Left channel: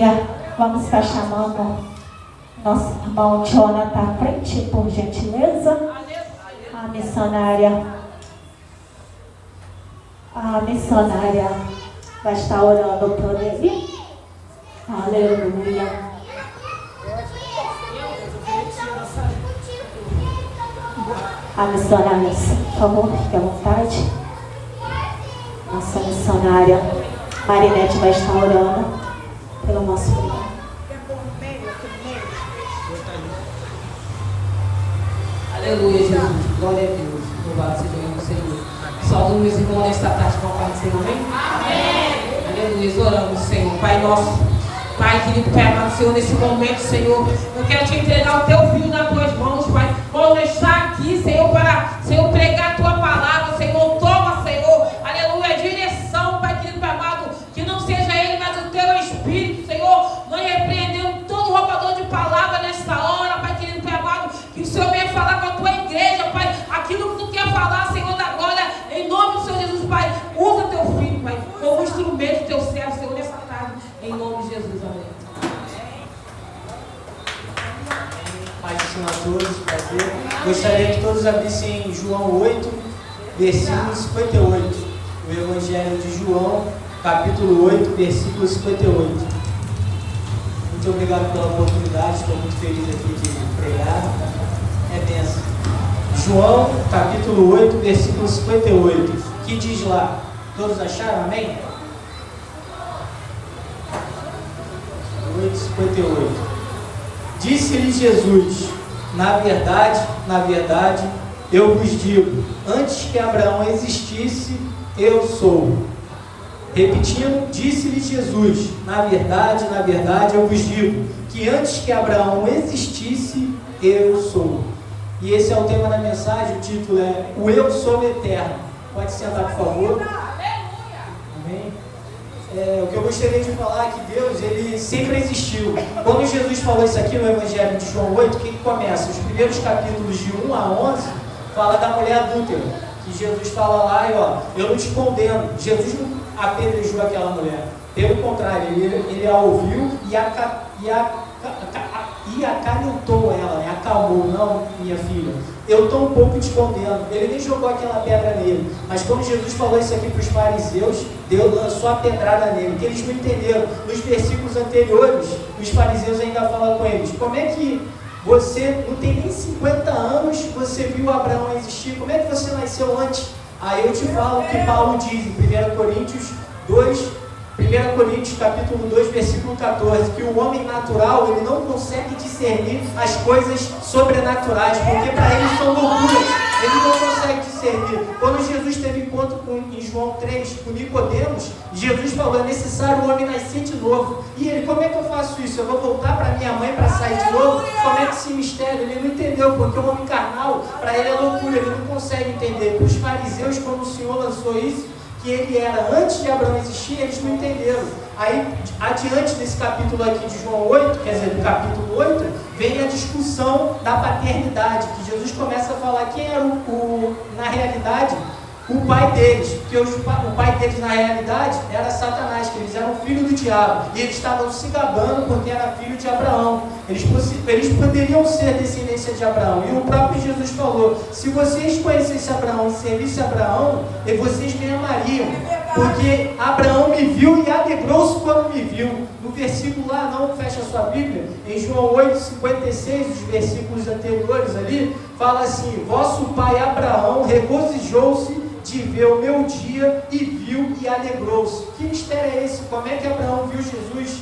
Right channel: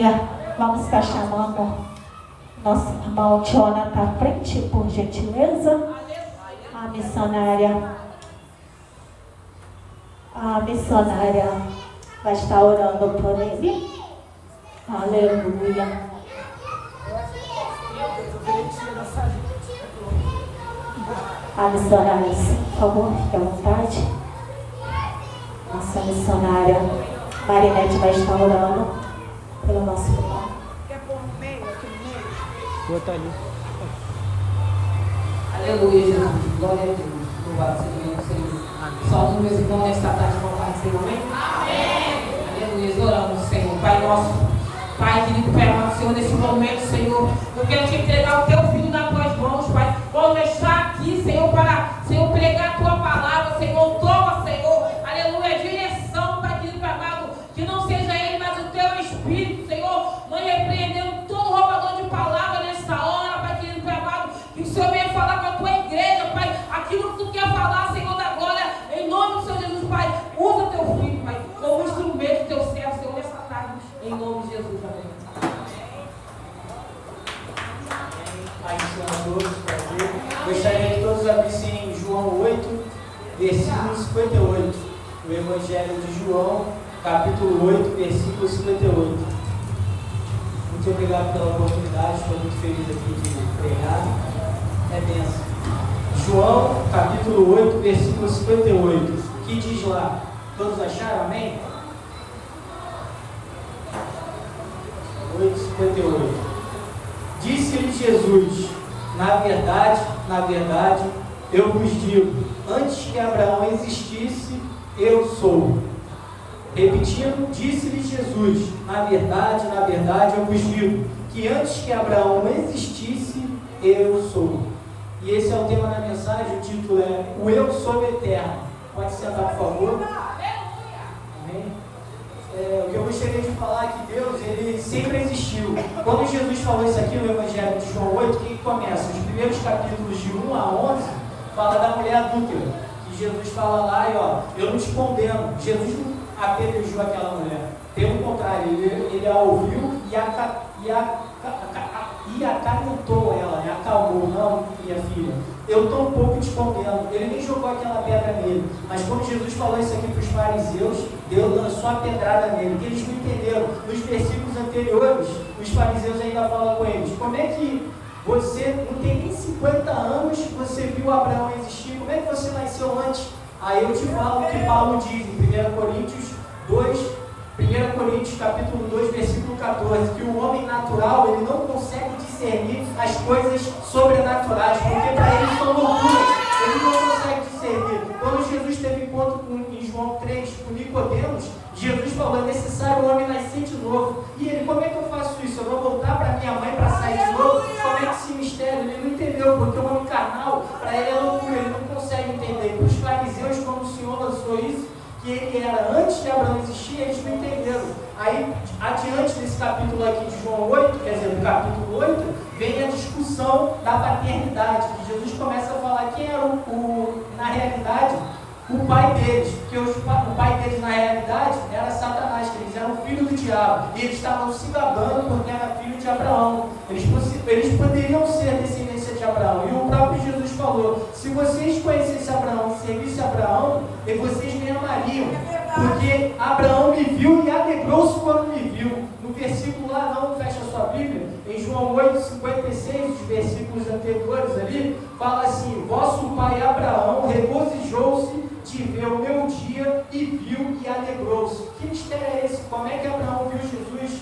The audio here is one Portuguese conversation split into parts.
Aleluia. Vamos estar chamando nosso irmão Jonathan à frente, por gentileza. A missionária vai estar orando por ele. Aleluia. A missionária, por favor, fique à vontade. Nossa missionária Marinete vai estar orando pelo nosso irmão. Aleluia, Jesus. Glória a Deus. Louvado seja o nome do Senhor. Saúde meus irmãos nesta tarde com a paz do Senhor. Amém. Aleluia. Oramos, Senhor. Pai nosso, Pai querido, Pai amado, Senhor, nesse momento, Senhor, eu quero te entregar o teu filho nas tuas mãos, Pai. Quando está aqui, Senhor, para, Senhor, pregar a tua palavra, Senhor, toma, Senhor, aleluia, direção, Pai querido, Pai amado, que não seja ele, mas o teu Espírito, Senhor. Nós repreendemos todo roubador de palavra nesta hora, Pai querido, Pai amado, que o Senhor venha falar com a tua igreja, Pai, aquilo que tu quer falar, Senhor, da glória, em nome do Senhor Jesus, Pai. Usa teu filho, Pai, como instrumento do teu servo, Senhor, nessa tarde, em nome de Jesus, amém. Pai do Senhor a todos, prazer. Gostaria que todos abrissem em João 8, versículo 58. O Evangelho de João, capítulo 8, versículo 58. Muito obrigado pela oportunidade, estou muito feliz aqui de pregar. É bênção. João, capítulo 8, versículo 58. Que diz lá? Todos acharam? Amém? 8, 58. Disse-lhe Jesus: na verdade, eu vos digo, antes que Abraão existisse, eu sou. Repetindo, disse-lhe Jesus: na verdade, eu vos digo, que antes que Abraão existisse, eu sou. E esse é o tema da mensagem, o título é O Eu Sou Eterno. Pode sentar, por favor. Amém. O que eu gostaria de falar é que Deus, ele sempre existiu. Quando Jesus falou isso aqui no Evangelho de João 8, o que começa? Os primeiros capítulos de 1 a 11 fala da mulher adúltera, que Jesus fala lá, e ó, eu não te condeno. Jesus não apedrejou aquela mulher, pelo contrário, ele a ouviu e acalentou ela, né? Acalmou. Não, minha filha, eu estou um pouco te condeno. Ele nem jogou aquela pedra nele, mas quando Jesus falou isso aqui para os fariseus, Deus lançou a pedrada nele, que eles não entenderam. Nos versículos anteriores, os fariseus ainda falam com eles: como é que você não tem nem 50 anos, você viu Abraão existir? Como é que você nasceu antes? Aí eu te falo o que Paulo diz em 1 Coríntios capítulo 2, versículo 14, que o homem natural, ele não consegue discernir as coisas sobrenaturais, porque para ele são loucuras, ele não consegue discernir. Quando Jesus teve encontro em João 3 com Nicodemos, Jesus falou: é necessário o homem nascer de novo. E ele: como é que eu faço isso? Eu vou voltar para minha mãe para sair de novo? Como é que esse mistério? Ele não entendeu, porque o homem carnal, para ele é loucura, ele não consegue entender. Para os fariseus, quando o Senhor lançou isso, que ele era antes de Abraão existir, eles não entenderam. Aí, adiante desse capítulo aqui de João 8, quer dizer, do capítulo 8, vem a discussão da paternidade, que Jesus começa a falar quem era na realidade, o pai deles, porque o pai deles na realidade era Satanás, que eles eram filhos do diabo, e eles estavam se gabando porque era filho de Abraão. Eles poderiam ser descendência de Abraão, e o próprio Jesus falou: se vocês conhecessem Abraão e servissem Abraão, vocês me amariam, porque Abraão me viu e alegrou-se quando me viu. No versículo lá, não fecha a sua Bíblia, em João 8, 56, os versículos anteriores ali, fala assim: vosso pai Abraão regozijou-se de ver o meu dia e viu e alegrou-se. Que mistério é esse? Como é que Abraão viu Jesus?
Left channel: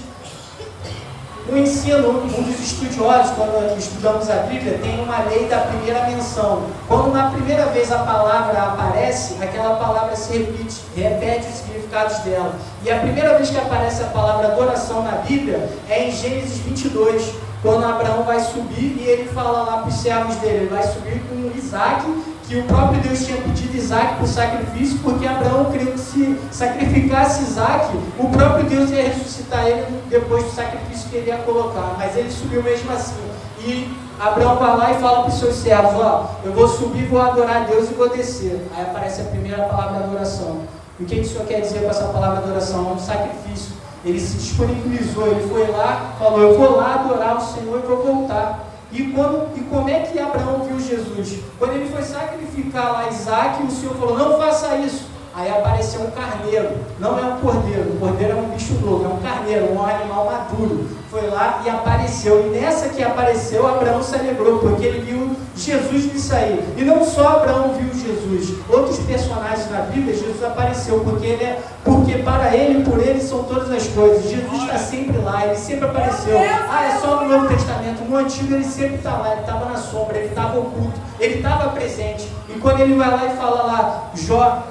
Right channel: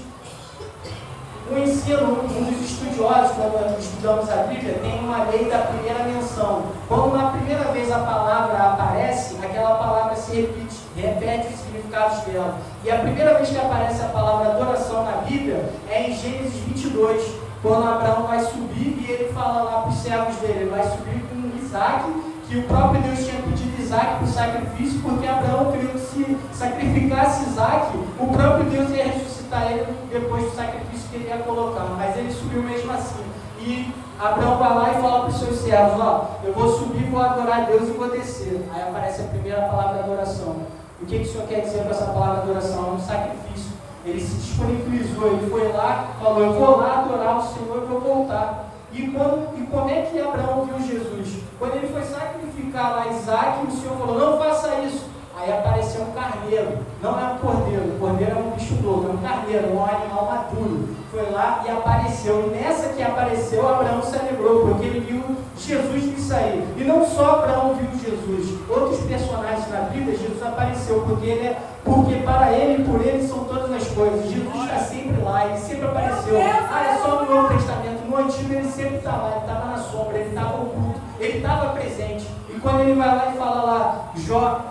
No ensino, um dos estudiosos, quando estudamos a Bíblia, tem uma lei da primeira menção. Quando na primeira vez a palavra aparece, aquela palavra se repete os significados dela. E a primeira vez que aparece a palavra adoração na Bíblia é em Gênesis 22, quando Abraão vai subir e ele fala lá para os servos dele: ele vai subir com Isaac, que o próprio Deus tinha pedido Isaac para o sacrifício, porque Abraão queria que se sacrificasse Isaac, o próprio Deus ia ressuscitar ele depois do sacrifício que ele ia colocar, mas ele subiu mesmo assim. E Abraão vai lá e fala para os seus servos: ó, eu vou subir, vou adorar a Deus e vou descer. Aí aparece a primeira palavra de adoração. O que o Senhor quer dizer com essa palavra de adoração? É um sacrifício. Ele se disponibilizou, ele foi lá, falou, eu vou lá adorar o Senhor e vou voltar. E como é que Abraão viu Jesus? Quando ele foi sacrificar lá Isaac, o Senhor falou, não faça isso. Aí apareceu um carneiro, não é um cordeiro, o cordeiro é um bicho louco, é um carneiro, um animal maduro. Foi lá e apareceu, e nessa que apareceu, Abraão se alegrou, porque ele viu Jesus nisso aí. E não só Abraão viu Jesus, outros personagens na Bíblia, Jesus apareceu, porque para ele e por ele são todas as coisas. Jesus está sempre lá, ele sempre apareceu. É só no Novo Testamento, no Antigo ele sempre está lá, ele estava na sombra, ele estava oculto, ele estava presente. E quando ele vai lá e fala lá, Jó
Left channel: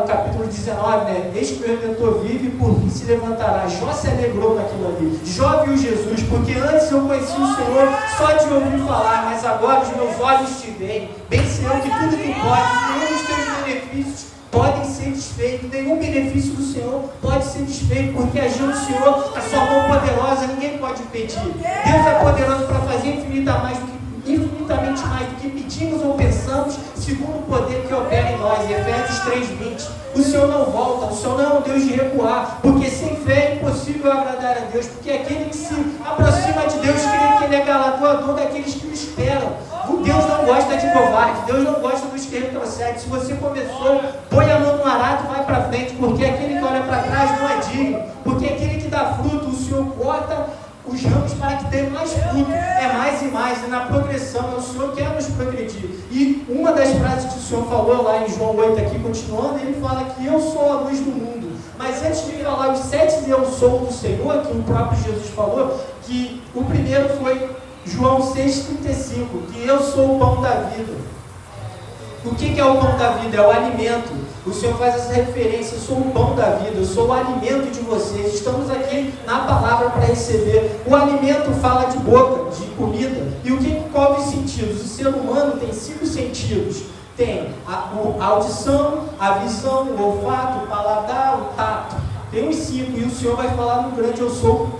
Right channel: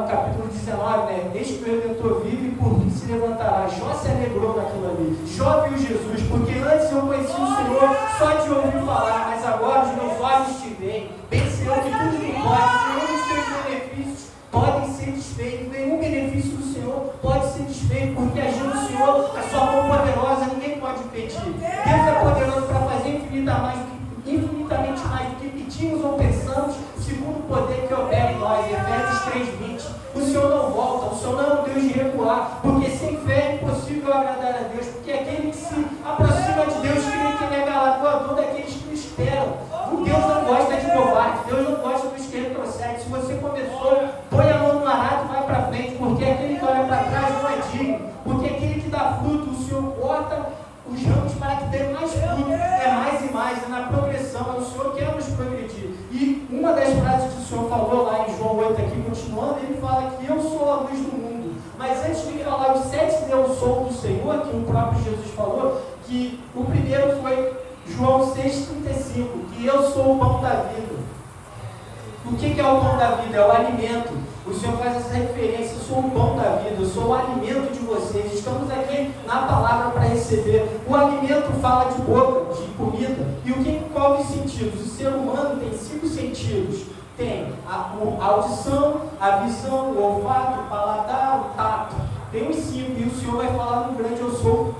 no capítulo 19, né? Eis que o Redentor vive e por mim se levantará. Jó se alegrou naquilo ali. Jó viu Jesus, porque antes eu conhecia o Senhor só de ouvir falar, mas agora os meus olhos te veem. Bem Senhor, que tudo que pode, nenhum dos teus benefícios podem ser desfeitos, nenhum benefício do Senhor pode ser desfeito, porque agindo o Senhor, a sua mão poderosa, ninguém pode impedir. Deus é poderoso para fazer infinitamente mais do que pedimos ou pensamos, segundo o poder que opera em nós. Efésios 3:20. O Senhor não volta, o Senhor não é um Deus de recuar, porque sem fé é impossível agradar a Deus, porque aquele que se aproxima de Deus crê que Ele é galardoador daqueles que o esperam. Deus não gosta de covarde, Deus não gosta dos que retrocedem. Se você começou, põe a mão no arado e vai para frente, porque aquele que olha para trás não é digno, porque aquele que dá fruto, o Senhor corta os ramos para que dê mais fruto, é mais e mais, e na progressão, é o Senhor que quer nos progredir. E uma das frases que o Senhor falou lá em João 8, aqui continuando, ele fala que eu sou a luz do mundo. Mas antes de falar os 7 eu sou do Senhor, que o próprio Jesus falou, que o primeiro foi João 6,35, que eu sou o pão da vida. O que é o pão da vida? É o alimento. O Senhor faz essa referência, eu sou o pão da vida, eu sou o alimento de vocês. Estamos aqui na palavra para receber. O alimento fala de boca, de comida. E o que qual os sentidos? O ser humano tem 5 sentidos. Tem a audição, a visão, o olfato, o paladar, o tato. Tem os 5, e o Senhor vai falar no grande eu sou,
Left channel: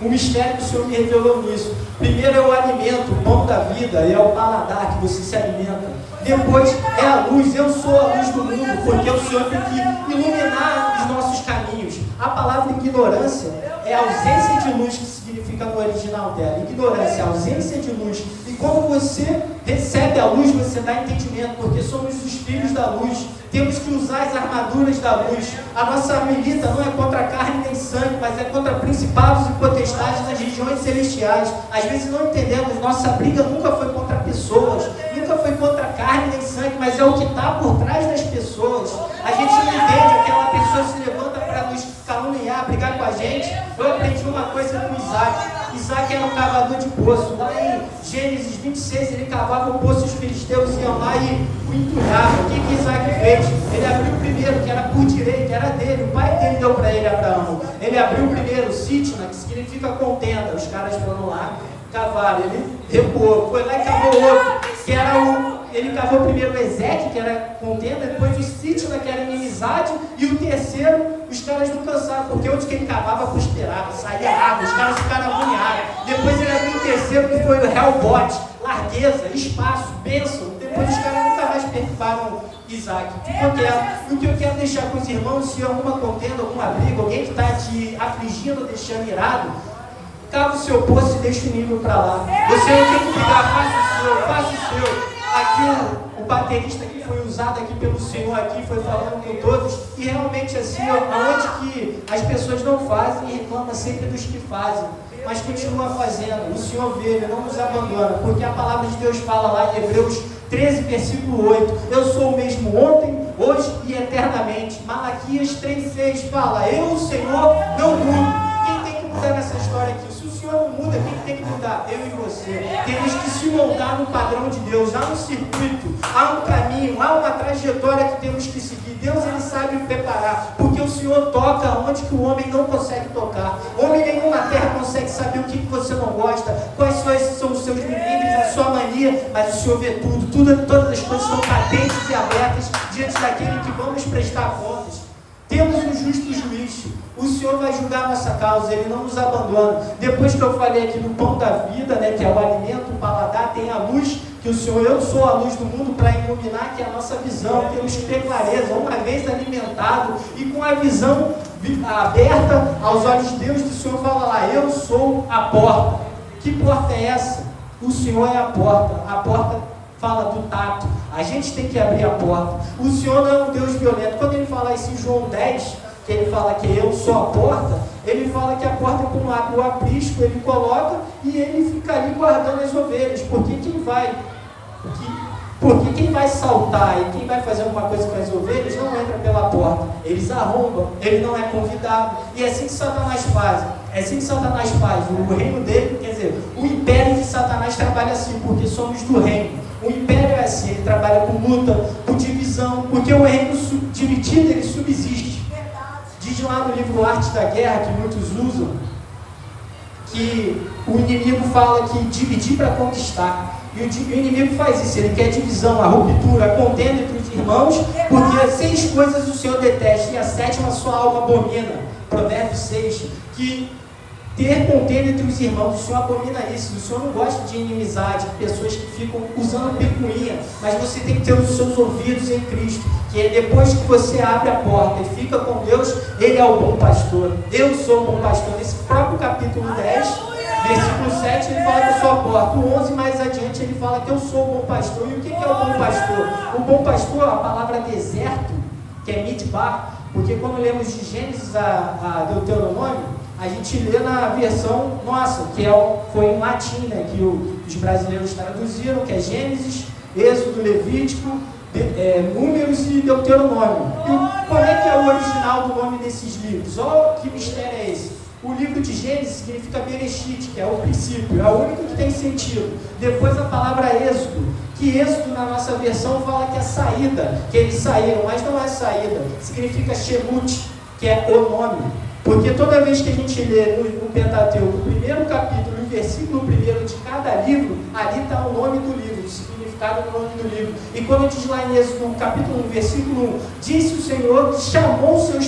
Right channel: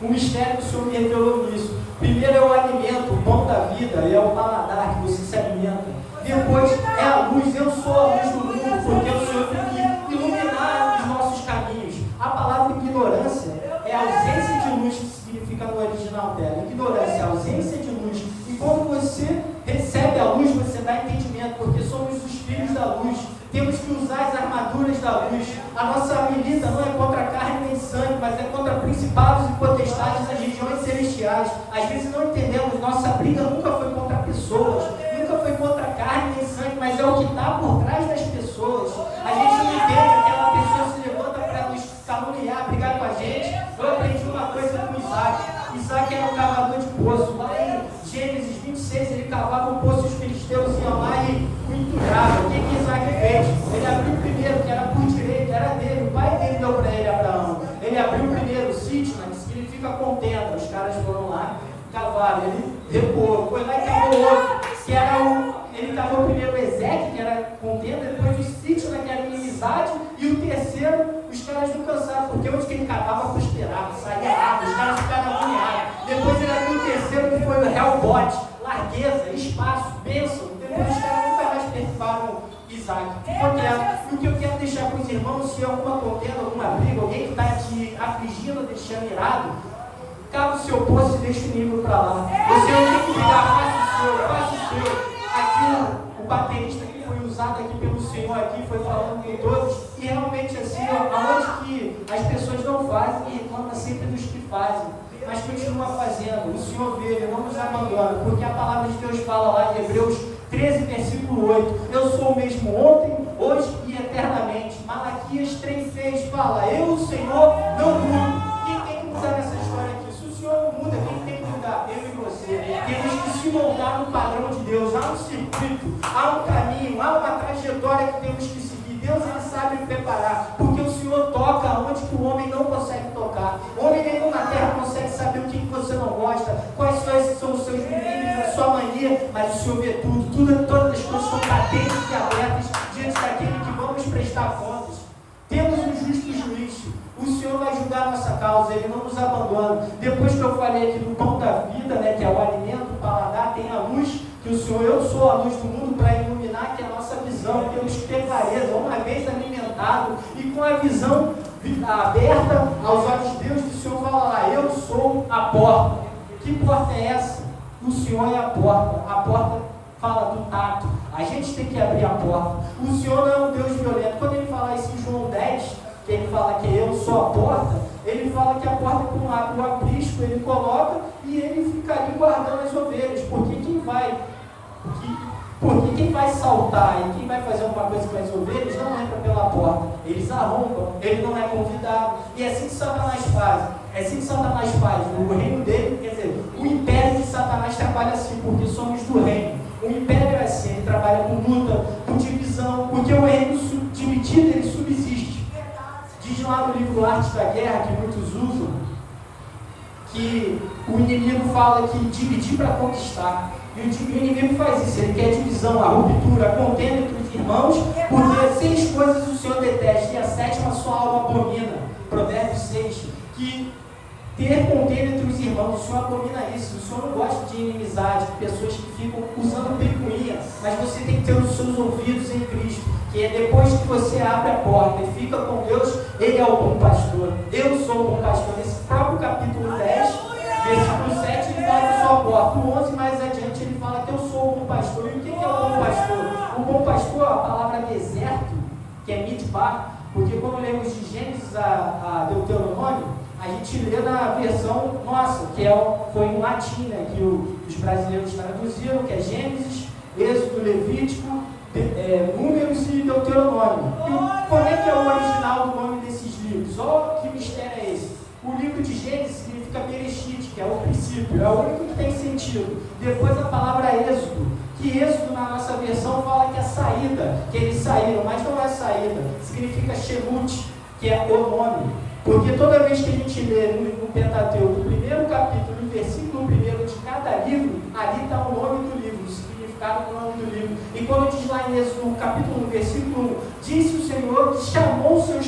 o mistério que o Senhor me revelou nisso. Primeiro é o alimento, o pão da vida, é o paladar que você se alimenta. Depois é a luz, eu sou a luz do mundo, porque o Senhor tem que iluminar os nossos caminhos. A palavra ignorância é a ausência de luz, que significa no original dela. Ignorância é a ausência de luz. E quando você recebe a luz, você dá entendimento, porque somos os filhos da luz. Temos que usar as armaduras da luz. A nossa milita não é contra carne nem sangue, mas é contra principados e potestades das regiões celestiais. Às vezes não entendemos, nossa briga nunca foi contra pessoas, nunca foi contra carne nem sangue, mas é o que está por trás das pessoas. A gente não entende, aquela pessoa se levanta para nos caluniar, brigar com a gente. Eu aprendi uma coisa com Isaac. Isaac era um cavador de poço. Lá em Gênesis 26, ele cavava o poço, os filisteus iam lá e o entulhavam. O que Isaac fez? Ele abriu o primeiro, que era por direito, era dele, o pai dele deu para ele, Abraão. Ele abriu o primeiro, Sitna, que significa contenda. Os caras foram lá, cavaram, ele recuou, foi lá e cavou outro, que era ele cavou primeiro o Ezequiel, que era contenda, depois o Sitna, que era inimizade, e o terceiro, os caras não cansaram, porque onde que ele cavava, prosperava, saía água, os caras ficaram agoniados. Depois ele abriu o terceiro, que foi o Helbot, largueza, espaço, bênção. Depois os caras nunca mais perturbaram Isaac. O que eu quero deixar com os irmãos, se há alguma contenda, alguma briga, alguém que está te afligindo, deixando irado, cava o seu poço e deixa o inimigo para lá. Você não tem que brigar, faça o seu. Aqui o baterista que foi usado aqui pelo Senhor aqui foi falando com todos, e realmente assim, aonde que as pessoas não fazem e reclamam sempre dos que fazem, mas continua fazendo. O Senhor vê, Ele não nos abandona, porque a palavra de Deus fala lá em Hebreus 13, versículo 8, eu sou o mesmo ontem, hoje e eternamente. Malaquias 3,6 fala, eu, o Senhor, não mudo. Quem tem que mudar nessa história aqui? Se o Senhor não muda, quem tem que mudar? Eu e você. Temos que se moldar no padrão de Deus. Há um circuito, há um caminho, há uma trajetória que temos que seguir. Deus, Ele sabe preparar, porque o Senhor toca onde que o homem não consegue tocar. Homem nenhum na terra consegue saber o que você não gosta, quais são os seus limites, a sua mania, mas o Senhor vê tudo, todas as coisas são patentes e abertas diante daquele que vamos prestar contas. Temos um justo juiz. O Senhor vai julgar a nossa causa, Ele não nos abandona. Depois que eu falei aqui do pão da vida, né, que é o alimento, o paladar, tem a luz, que o Senhor, eu sou a luz do mundo, para iluminar que a nossa visão, temos que ter clareza, uma vez alimentado e com a visão aberta aos olhos de Deus, o Senhor fala lá, eu sou a porta. Que porta é essa? O Senhor é a porta fala do tato, a gente tem que abrir a porta. O Senhor não é um Deus violento. Quando ele fala isso em João 10, que ele fala que eu sou a porta, ele fala que a porta é como abre o aprisco, ele coloca e ele fica ali guardando as ovelhas, porque quem vai saltar e quem vai fazer alguma coisa com as ovelhas não entra pela porta, eles arrombam, ele não é convidado, e é assim que Satanás faz. O reino dele, quer dizer, o império de Satanás trabalha assim, porque somos do reino. O império é assim, ele trabalha com luta, com divisão, porque o reino dividido, ele subsiste. Diz lá no livro Arte da Guerra, que muitos usam, que o inimigo fala que dividir para conquistar. E o inimigo faz isso, ele quer divisão, a ruptura, a contenda entre os irmãos, porque 6 coisas o Senhor detesta, e a 7ª sua alma abomina. Provérbios 6, que ter contenda entre os irmãos, o Senhor abomina isso. O Senhor não gosta de inimizade, de pessoas que ficam usando picuinha, mas você tem que ter os seus ouvidos em Cristo, que depois que você abre a porta e fica com Deus, Ele é o bom pastor. Eu sou o bom pastor. Nesse próprio capítulo 10, versículo 7, ele fala que eu sou a porta. O 11 mais adiante, ele fala que eu sou o bom pastor. E o que é o bom pastor? O bom pastor, a palavra deserto, que é midbar, porque quando lemos de Gênesis a Deuteronômio, a gente lê na versão nossa, que foi em latim, né, que os brasileiros traduziram, que é Gênesis, Êxodo, Levítico, Números e Deuteronômio. E qual é que é o original do nome desses livros? Olha que mistério é esse. O livro de Gênesis significa Bereshit, que é o princípio, é o único que tem sentido. Depois a palavra Êxodo, que Êxodo na nossa versão fala que é saída, que eles saíram, mas não é saída, significa Shemut, que é o nome. Porque toda vez que a gente lê no Pentateuco, o primeiro capítulo, o versículo 1 de cada livro, ali está o nome do livro, o significado do nome do livro. E quando diz lá em Êxodo, no capítulo 1, versículo 1, disse o Senhor que chamou seus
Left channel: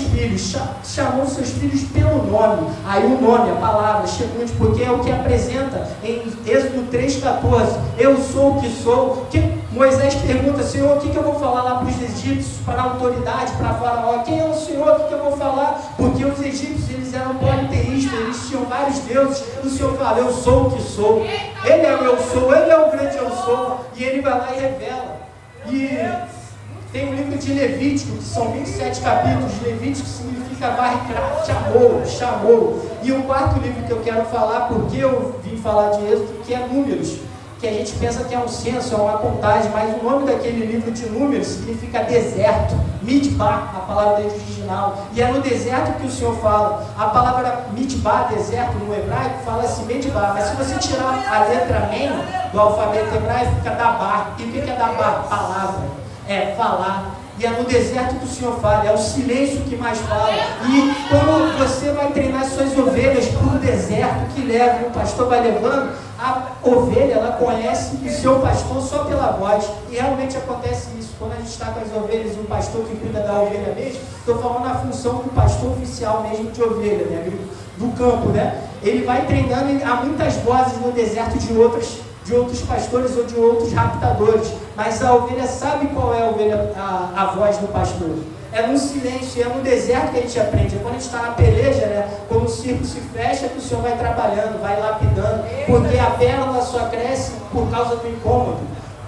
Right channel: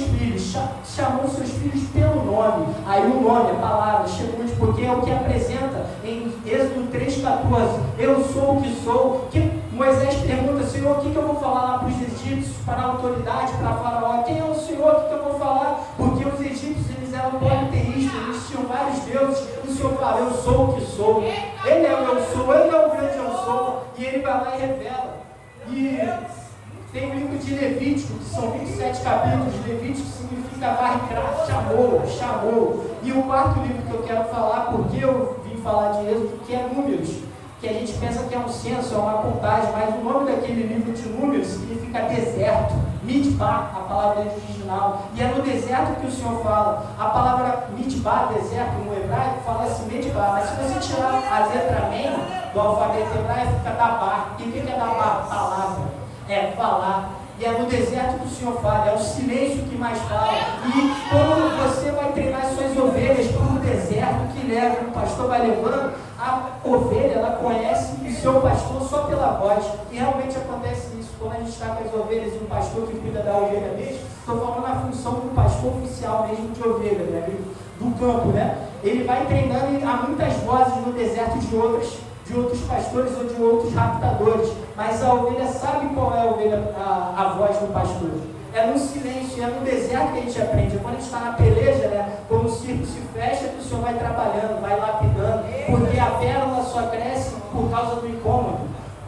filhos pelo nome. Aí o nome, a palavra, Shemut, porque é o que apresenta em Êxodo 3,14, eu sou o que sou. Que Moisés pergunta, Senhor, o que eu vou falar lá para os egípcios, para a autoridade, para Faraó? Quem é o Senhor? O que eu vou falar? Porque os egípcios, eles eram politeístas, eles tinham vários deuses. O Senhor fala, eu sou o que sou. Ele é o eu sou, Ele é o grande eu sou. E Ele vai lá e revela. E tem o livro de Levítico, que são 27 capítulos. Levítico significa varre-craft, chamou. E o 4º livro que eu quero falar, porque eu vim falar de Êxodo, que é Números, que a gente pensa que é um censo, é uma contagem, mas o nome daquele livro de Números significa deserto, midbar, a palavra original, e é no deserto que o Senhor fala. A palavra midbar, deserto, no hebraico, fala-se midbar, mas se você tirar a letra men do alfabeto hebraico, fica dabar. E o que é dabar? Palavra, é falar. E é no deserto que o Senhor fala, é o silêncio que mais fala. E quando você vai treinar suas ovelhas para o deserto que leva, o pastor vai levando, a ovelha, ela conhece o seu pastor só pela voz. E realmente acontece isso. Quando a gente está com as ovelhas e o pastor que cuida da ovelha mesmo, estou falando na função do pastor oficial mesmo de ovelha, né? Do campo, né? Ele vai treinando e há muitas vozes no deserto de outros pastores ou de outros raptadores, mas a ovelha sabe qual é a voz do pastor. É no silêncio, é no deserto que a gente aprende. Quando a gente está na peleja, né, quando o circo se fecha, que o Senhor vai trabalhando, vai lapidando, porque a pérola só cresce por causa do incômodo,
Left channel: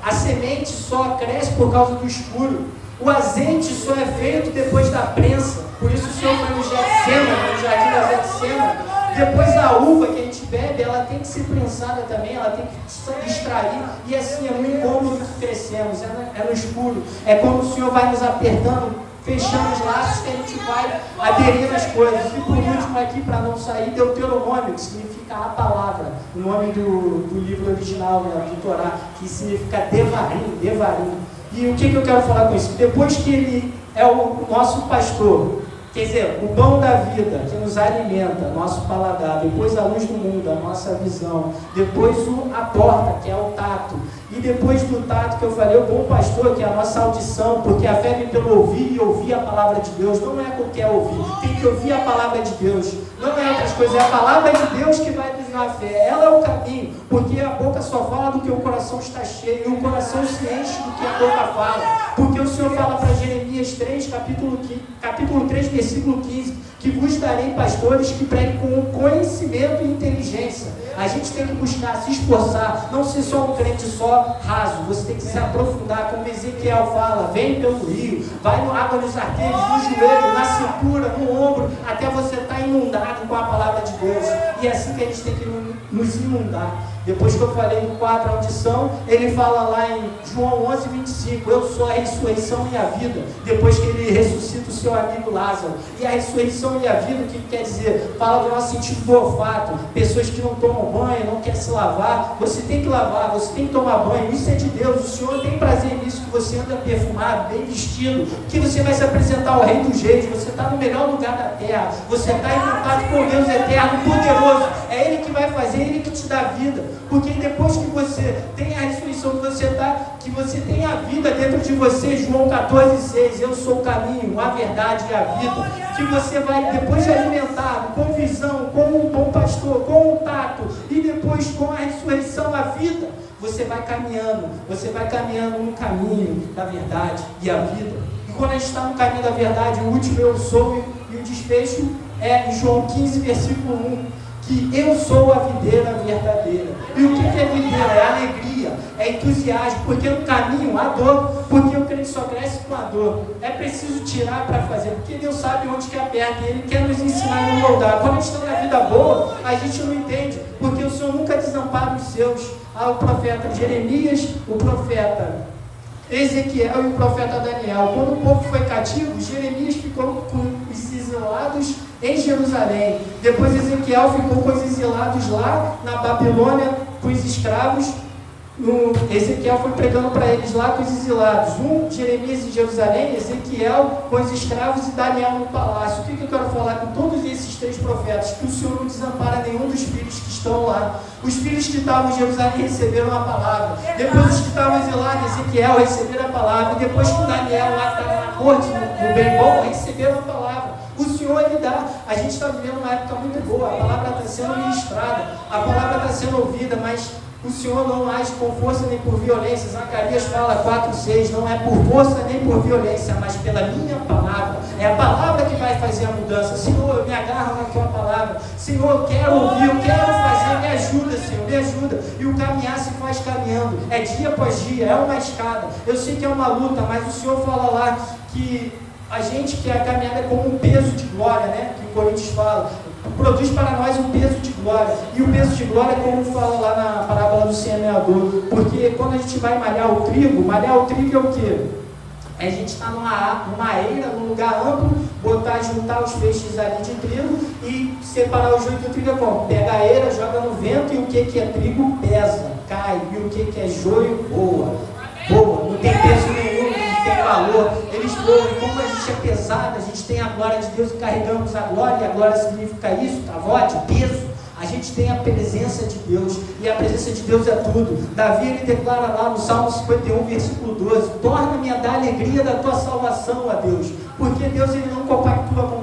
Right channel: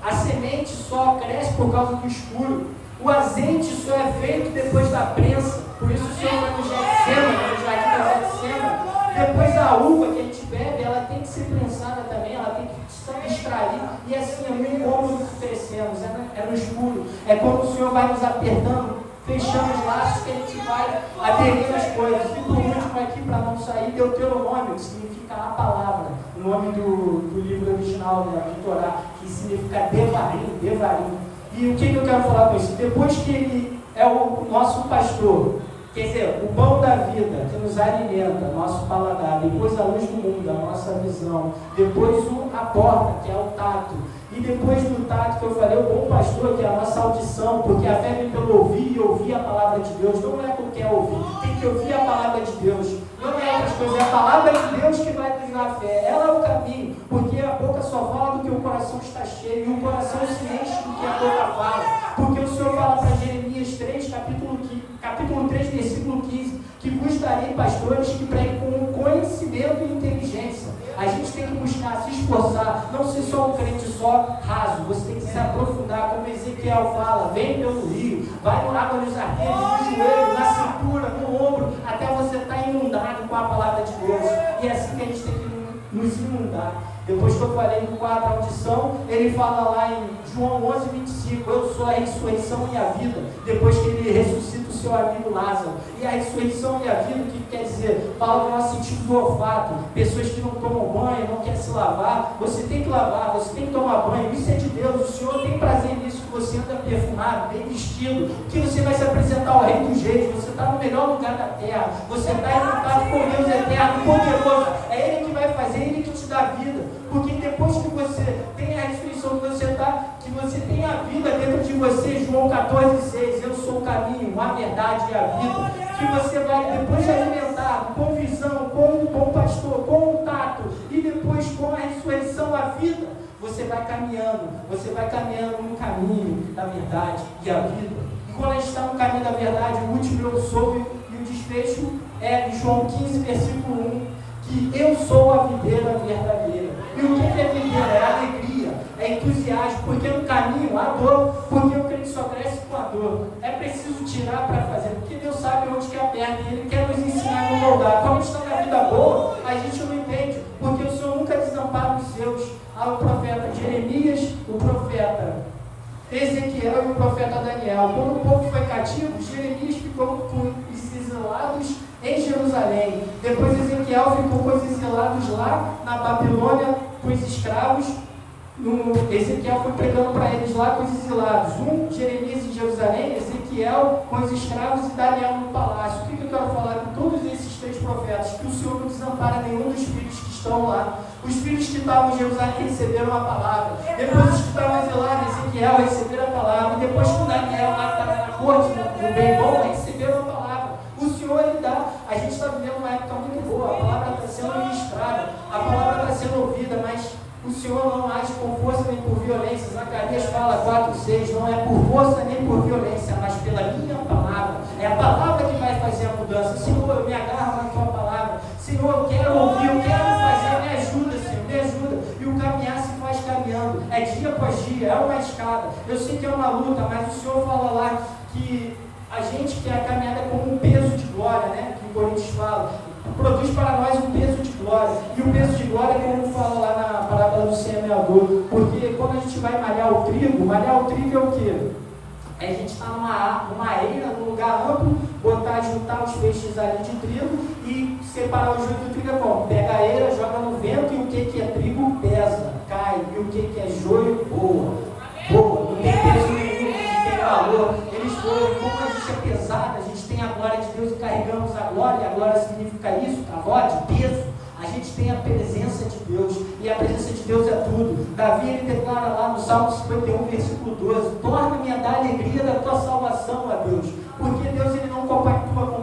a semente só cresce por causa do escuro, o azeite só é feito depois da prensa. Por isso o Senhor foi no Getsêmani, no jardim da Getsêmani. Depois a uva que a gente bebe, ela tem que ser prensada também, ela tem que extrair, e assim é no incômodo que crescemos, é no escuro, é quando o Senhor vai nos apertando, fechamos laços que a gente vai aderindo às coisas. E por último aqui, para não sair, Deuteronômio, que significa a palavra, o nome do livro original, né, do Torá, que significa devarim. E o que eu quero falar com isso? Depois que ele é o nosso pastor, quer dizer, o pão da vida, que nos alimenta, nosso paladar, depois a luz do mundo, a nossa visão, depois a porta, que é o tato, E depois do tato que eu falei, o bom pastor, que é a nossa audição, porque a fé vem pelo ouvir e ouvir a palavra de Deus. Não é qualquer ouvir, tem que ouvir a palavra de Deus. Não é outras coisas, é a palavra de Deus que vai nos dar fé. Ela é o caminho, porque a boca só fala do que o coração está cheio, e o coração se enche do que a boca fala. Porque o Senhor fala para Jeremias 3, capítulo 3, versículo 15, que vos darei pastores que preguem com conhecimento e inteligência. A gente tem que buscar, se esforçar, não ser só um crente só raso, você tem que se aprofundar, como Ezequiel fala, vem pelo rio, vai no água nos arqueiros, no joelho, na cintura, no ombro, até você estar inundado com a palavra de Deus. E é assim que a gente tem que nos inundar. Depois que eu falei do quadro audição, ele fala lá em João 11, 25, eu sou a ressurreição e a vida. Depois que ele ressuscita o seu amigo Lázaro. E a ressurreição e a vida, o que quer dizer? Fala do nosso sentido do olfato. Pessoas que não tomam banho, não querem se lavar. Você tem que lavar, você tem que tomar banho. Isso é de Deus. O Senhor tem prazer nisso, que você anda perfumado, bem vestido, que você vai se apresentar ao Rei dos Reis. Você está no melhor lugar da terra. Você está em contato com Deus eterno, poderoso. É Ele que vai fazer, Ele que te dá vida. Porque depois que você tem a ressurreição, que você tem a vida dentro de você, João 14,6, eu sou o caminho, a verdade e a vida, que você vai depois alimentado com visão, com um bom pastor, com um tato, e depois com a ressurreição, a vida, você vai caminhando no caminho da verdade e a vida. E quando a gente está no caminho da verdade, o último eu sou, e o desfecho é em João 15, versículo 1, que eu sou a videira verdadeira. E o que é videira? É alegria, é entusiasmo, porque no caminho há dor, porque o crente só cresce com a dor. É preciso tirar para fazer, porque Deus sabe onde que aperta, e Ele quer nos ensinar a nos moldar. Quando a gente está na vida boa, a gente não entende, porque o Senhor nunca desampara os seus. Há o profeta Jeremias, o profeta Ezequiel e o profeta Daniel. Quando o povo foi cativo, Jeremias ficou com os exilados em Jerusalém. Depois Ezequiel ficou com os exilados lá na Babilônia, com os escravos. Ezequiel foi pregando para eles lá com os exilados. Jeremias em Jerusalém, Ezequiel com os escravos e Daniel no palácio. O que eu quero falar com todos esses três profetas? Que o Senhor não desampara nenhum dos filhos que estão lá. Os filhos que estavam em Jerusalém receberam a palavra. Depois os que estavam exilados, Ezequiel receberam a palavra. E depois que Daniel lá estava na corte, no bem bom, receberam a palavra. O Senhor Ele dá. A gente está vivendo uma época muito boa. A palavra está sendo ministrada, a palavra está sendo ouvida, mas o Senhor não age com força nem por violência. Zacarias fala 4,6, não é por força nem por violência, mas pela minha palavra. É a palavra que vai fazer a mudança. Senhor, eu me agarro na tua palavra. Senhor, eu quero ouvir, eu quero fazer, me ajuda, Senhor, me ajuda. E o caminhar se faz caminhando, é dia após dia, é uma escada. Eu sei que é uma luta, mas o Senhor fala lá que a gente que a caminhada é como um peso de glória, né? Que o Coríntios fala. Produz para nós um peso de glória. E o peso de glória é como fala lá na parábola do semeador. Porque quando a gente vai malhar o trigo é o quê? É a gente estar numa eira, num lugar amplo, juntar os feixes ali de trigo e separar o joio do trigo é como? Pega a eira, joga no vento e o que é trigo pesa, cai. E o que é joio voa. Não tem peso nenhum, não tem valor. Eles voam. E como a gente é pesado, a gente tem a glória de Deus e carregamos a glória. E a glória significa isso, cavote, peso. A gente tem a presença de Deus, e a presença de Deus é tudo. Davi ele declara lá no Salmo 51, versículo 12: torna-me a dar alegria da tua salvação, ó Deus, porque Deus ele não compactua com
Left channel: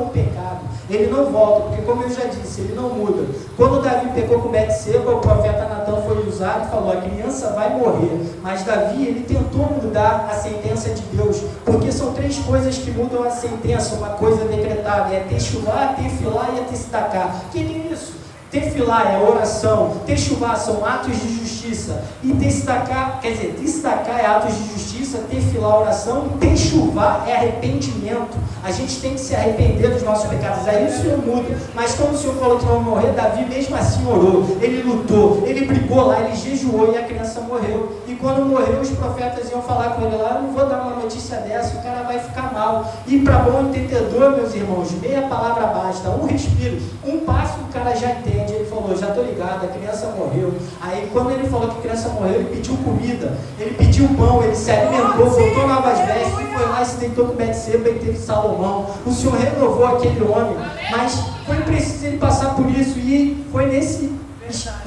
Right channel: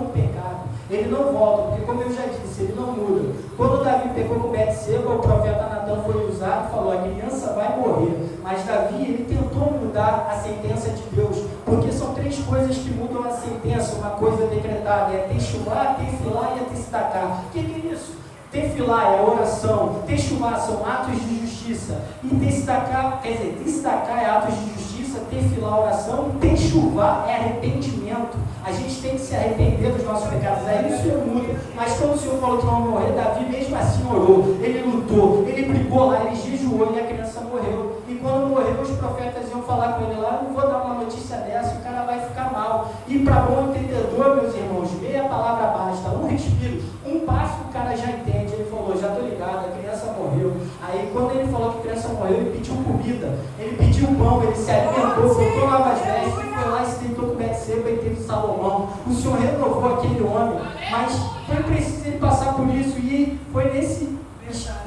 o pecado, ele não volta, porque como eu já disse, ele não muda. Quando Davi pecou com Betseba, o profeta Natan foi usado e falou: a criança vai morrer. Mas Davi ele tentou mudar a sentença de Deus, porque são três coisas que mudam a sentença, uma coisa decretada: é techuvá, tefilah e tzedakah. O que é isso? Tefilah é a oração, techuvá são atos de justiça, e tzedakah é atos de justiça, tefilah oração, e techuvá é arrependimento. A gente tem que se arrepender dos nossos pecados, aí isso não muda. Mas como o Senhor falou que não morrer, Davi mesmo assim orou, ele lutou, ele brigou lá, ele jejuou e a criança morreu. E quando morreu, os profetas iam falar com ele lá: eu não vou dar uma notícia dessa, o cara vai ficar mal. E para bom entendedor, meus irmãos, meia palavra basta, um respiro, um passo o cara já entende. Ele falou: já estou ligado, a criança morreu. Aí quando ele falou que a criança morreu, ele pediu comida, ele pediu pão, ele se alimentou, botou novas vestes, e foi lá e se deitou com Betseba e teve Salomão. O Senhor renovou aquele homem, mas foi preciso ele passar por isso. E foi nesse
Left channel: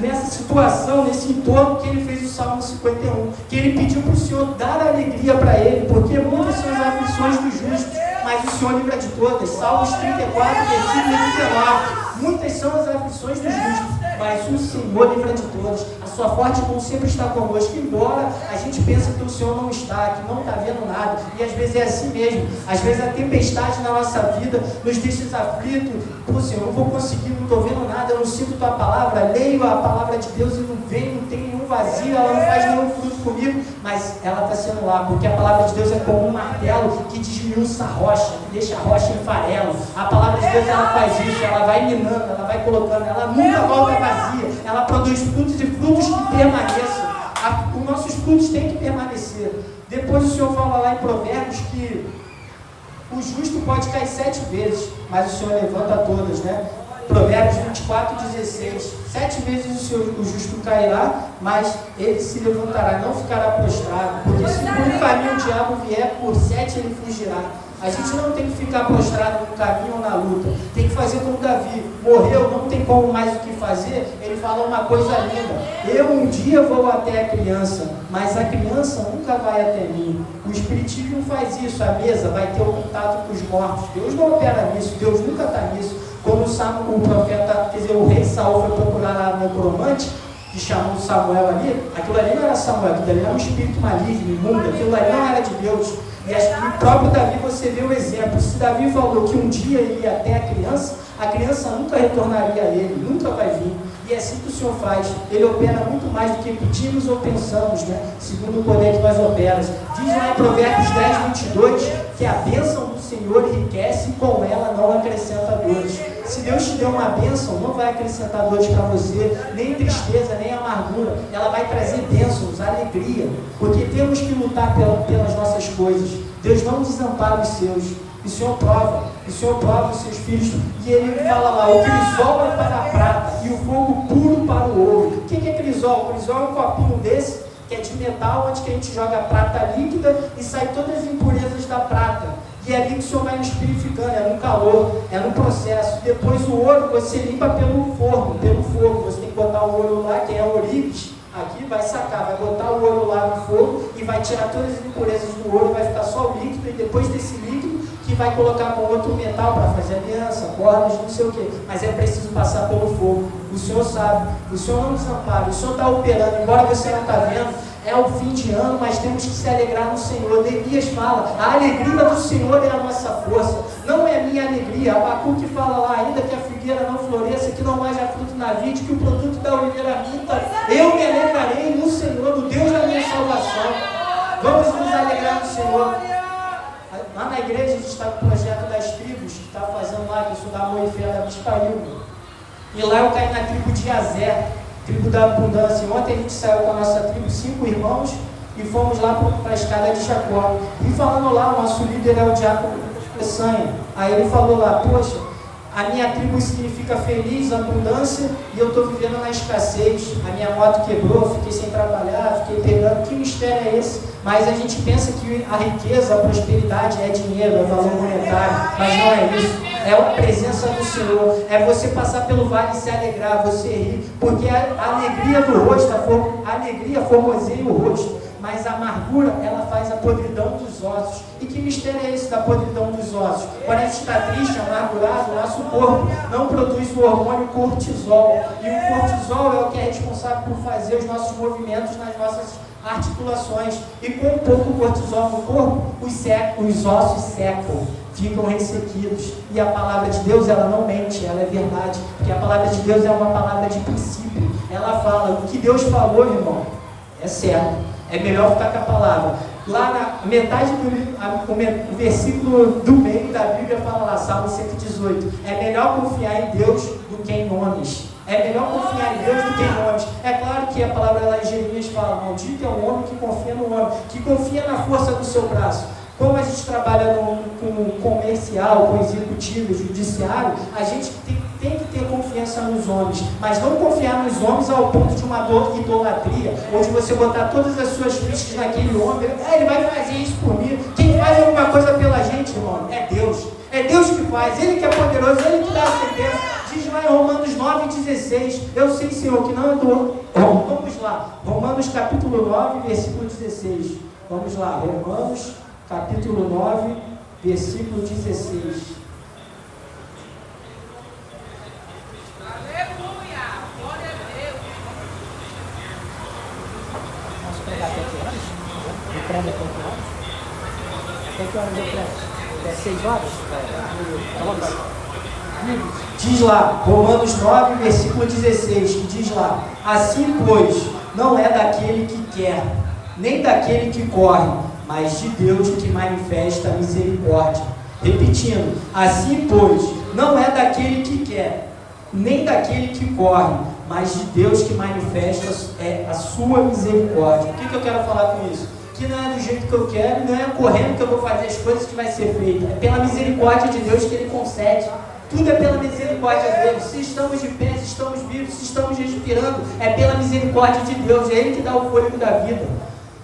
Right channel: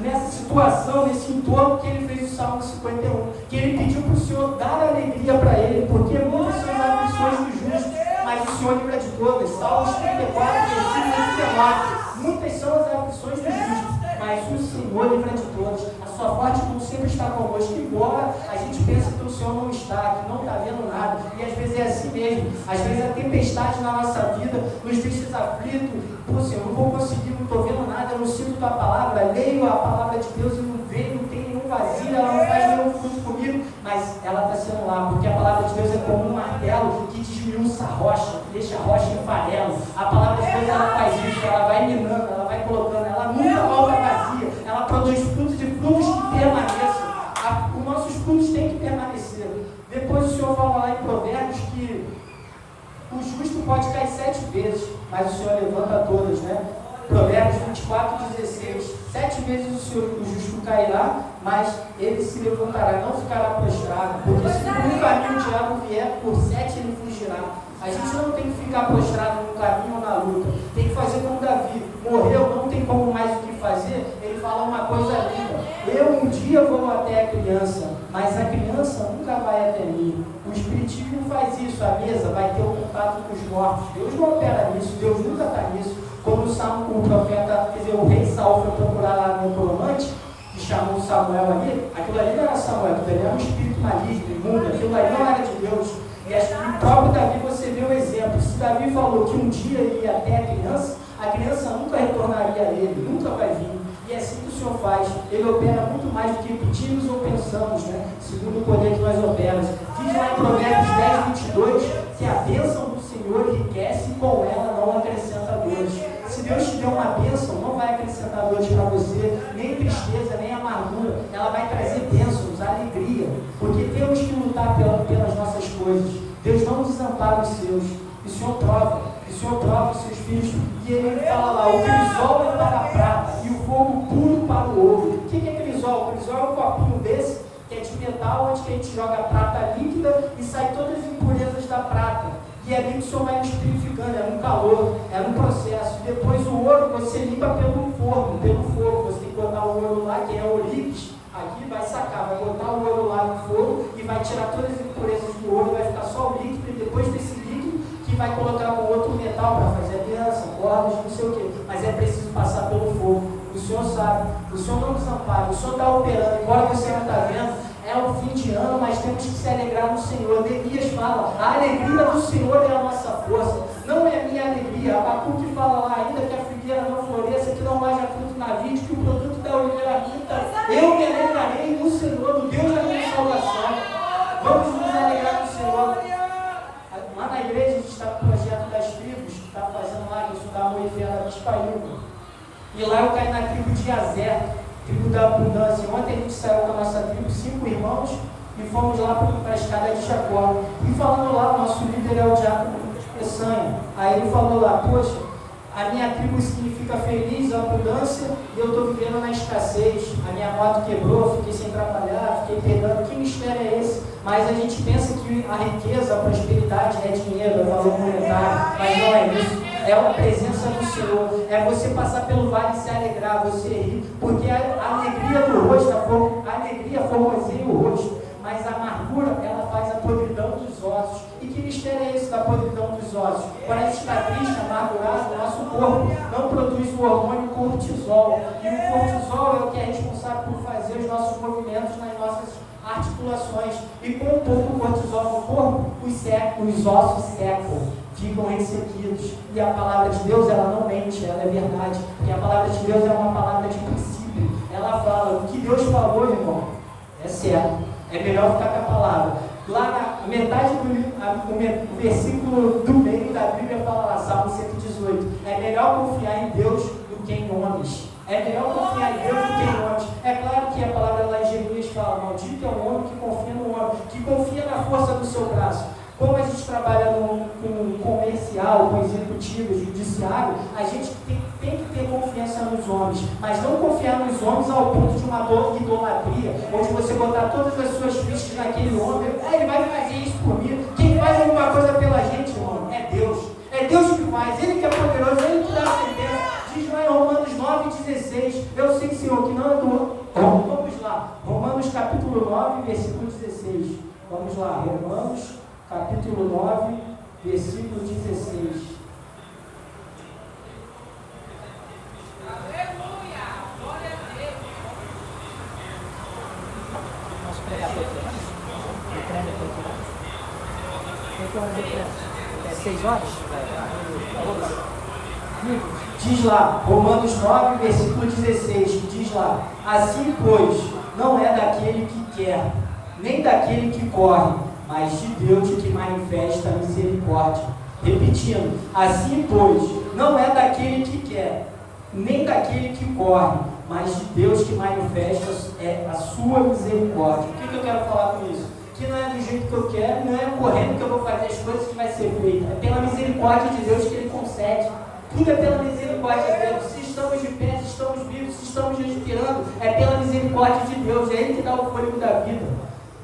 nessa situação, nesse entorno que ele fez o Salmo 51, que ele pediu para o Senhor dar alegria para ele, porque muitas são as aflições dos justos, mas o Senhor livra de todas. Salmos 34, versículo 19. Muitas são as aflições dos justos, mas o Senhor livra de todas. A sua forte mão sempre está conosco, embora a gente pense que o Senhor não está, que não está vendo nada, e às vezes é assim mesmo. Às vezes a tempestade na nossa vida nos deixa aflitos. Pô, Senhor, eu não vou conseguir, não estou vendo nada, eu não sinto tua palavra, leio a palavra de Deus e não vem, não tem nenhum vazio, ela não faz nenhum fruto comigo, mas ela está sendo lá, porque a palavra de Deus é como um martelo que desmiuça a rocha, que deixa a rocha em farelo. A palavra de Deus, ela faz isso, ela vai minando, ela vai colocando, ela nunca volta vazia, ela produz frutos e frutos que permaneçam. Os nossos frutos têm que permanecer. Depois o Senhor fala lá em Provérbios que o justo pode cair 7 vezes, mas o Senhor levanta todas, né? Provérbios 24, 16. 7 vezes o justo cairá, mas ele se levantará, não ficará prostrado, porque se por um caminho o diabo vier, por 7 ele fugirá. A gente não tem que ficar prostrado no caminho ou na luta, tem que fazer como Davi. Morreu, não tem como mais o que fazer. Ele fala uma coisa linda: eu um dia vou até a criança, mas a criança nunca vai até mim. O espiritismo faz isso, a mesa vai ter o contato com os mortos. Deus não opera nisso, Deus nunca está nisso. Quando o profeta, quer dizer, o rei Saul foi procurar a necromante, que chamou Samuel ali, aquilo ali não era Samuel, aquilo ali era um espírito maligno, imundo, aquilo ali não era de Deus. E o próprio Davi, você vê o exemplo. Se Davi falou que um dia ele ia até a criança nunca retornaria a ele, nunca vai vir. E é assim que o Senhor faz. Ele opera muito mais do que pedimos ou pensamos, né? Segundo o poder que nós operamos. Diz lá em Provérbios 10, 22, que a bênção do Senhor enriquece e com ela não acrescenta dores. Se Deus te deu uma bênção, não vai acrescentar dores para você, nem tristeza, nem amargura. Ela vai trazer bênçãos, alegria, porque temos que lutar pelas nossas coisas. Deus não desampara os seus. O Senhor prova os seus filhos. E ele fala lá: o crisol é para a prata e o fogo puro para o ouro. O que é crisol? O crisol é um copinho desse, que é de metal, onde que a gente joga a prata líquida e sai todas as impurezas da prata. E é ali que o Senhor vai nos purificando, é no calor, é no processo. Depois o ouro você limpa pelo forno, pelo fogo. Você tem que botar o ouro lá, que é ourives, aqui vai sacar, vai botar o ouro lá no fogo e vai tirar todas as impurezas do ouro, vai ficar só o líquido, e depois desse líquido que vai colocar com outro metal para fazer aliança, cordas, não sei o que. Mas é preciso passar pelo fogo. O Senhor sabe, o Senhor não desampara, o Senhor está operando, embora você não está vendo. É o fim de ano, mas temos que se alegrar no Senhor. Neemias fala: a alegria do Senhor é a nossa força, não é a minha alegria. Abacuque fala lá: ainda que a figueira não floresça, que não haja fruto na vide, que o produto da oliveira minta, eu me alegrarei no Senhor, no Deus da minha salvação. Vamos nos alegrar no Senhor. Lá na igreja a gente está com o projeto das tribos, que está fazendo lá, que eu sou da Moifé, da Bispail. E lá eu caí na tribo de Azer, tribo da abundância. Ontem a gente saiu com a nossa tribo, 5 irmãos, e fomos lá para a escada de Jacó. E falando lá, o nosso líder é o diácono Peçanha. Aí ele falou lá: poxa, a minha tribo significa feliz, abundância, e eu estou vivendo na escassez. A minha moto quebrou, fiquei sem trabalhar, fiquei pegando. Que mistério é esse? Mas a gente pensa que a riqueza, a prosperidade é dinheiro, é valor monetário, mas não é isso. É a presença do Senhor, é você passar pelo vale e se alegrar, você rir, porque a alegria do rosto, a alegria formoseia o rosto, mas a amargura, ela faz a podridão dos ossos. E que mistério é esse da podridão dos ossos? Quando a gente está triste, amargurado, o nosso corpo não produz o hormônio cortisol, e o cortisol é o que é responsável por fazer os nossos movimentos nas nossas articulações. E com um pouco cortisol no corpo, os ossos secam, ficam ressequidos. E a palavra de Deus, ela não mente, ela é verdade, porque a palavra de Deus é uma palavra de princípio. Ela fala: o que Deus falou, irmão, é certo, é melhor ficar com a palavra. Lá na metade o versículo do meio da Bíblia fala lá, Salmo 118: é melhor confiar em Deus do que em homens. É melhor confiar em Deus do que em homens. É claro que a palavra lá em Jeremias fala: maldito é o homem que confia no homem, que confia na força do seu braço. Como a gente trabalha com comercial, com executivo, judiciário, a gente tem que ter confiança nos homens, mas não confiar nos homens ao ponto de uma idolatria, onde você botar todas as suas fichas naquele homem. Ele vai fazer isso por mim. Quem faz alguma coisa pela gente, irmão, é Deus. É Deus que faz, Ele que é poderoso, Ele que dá a sentença. Diz lá lá em Romanos 9,16. Eu sei, Senhor, que não é do... Vamos lá. Romanos capítulo 9, versículo 16. Vamos lá. Romanos capítulo 9, versículo 16. Vamos pregar até que horas? O prêmio até que horas? Até que horas eu prego? Até 6 horas? Diz lá, Romanos 9, versículo 16, que diz lá: assim, pois, não é daquele que quer, nem daquele que corre, mas de Deus que manifesta a misericórdia. Repetindo, assim, pois, não é daquele que quer, nem daquele que corre, mas de Deus que manifesta a sua misericórdia. O que eu quero falar com isso? Que não é do jeito que eu quero, não é correndo que eu vou fazer as coisas que vai ser feita. É pela misericórdia de Deus que Ele concede. Tudo é pela misericórdia dele. Se estamos de pé, se estamos vivos, se estamos respirando, é pela misericórdia de Deus. É Ele que dá o fôlego da vida.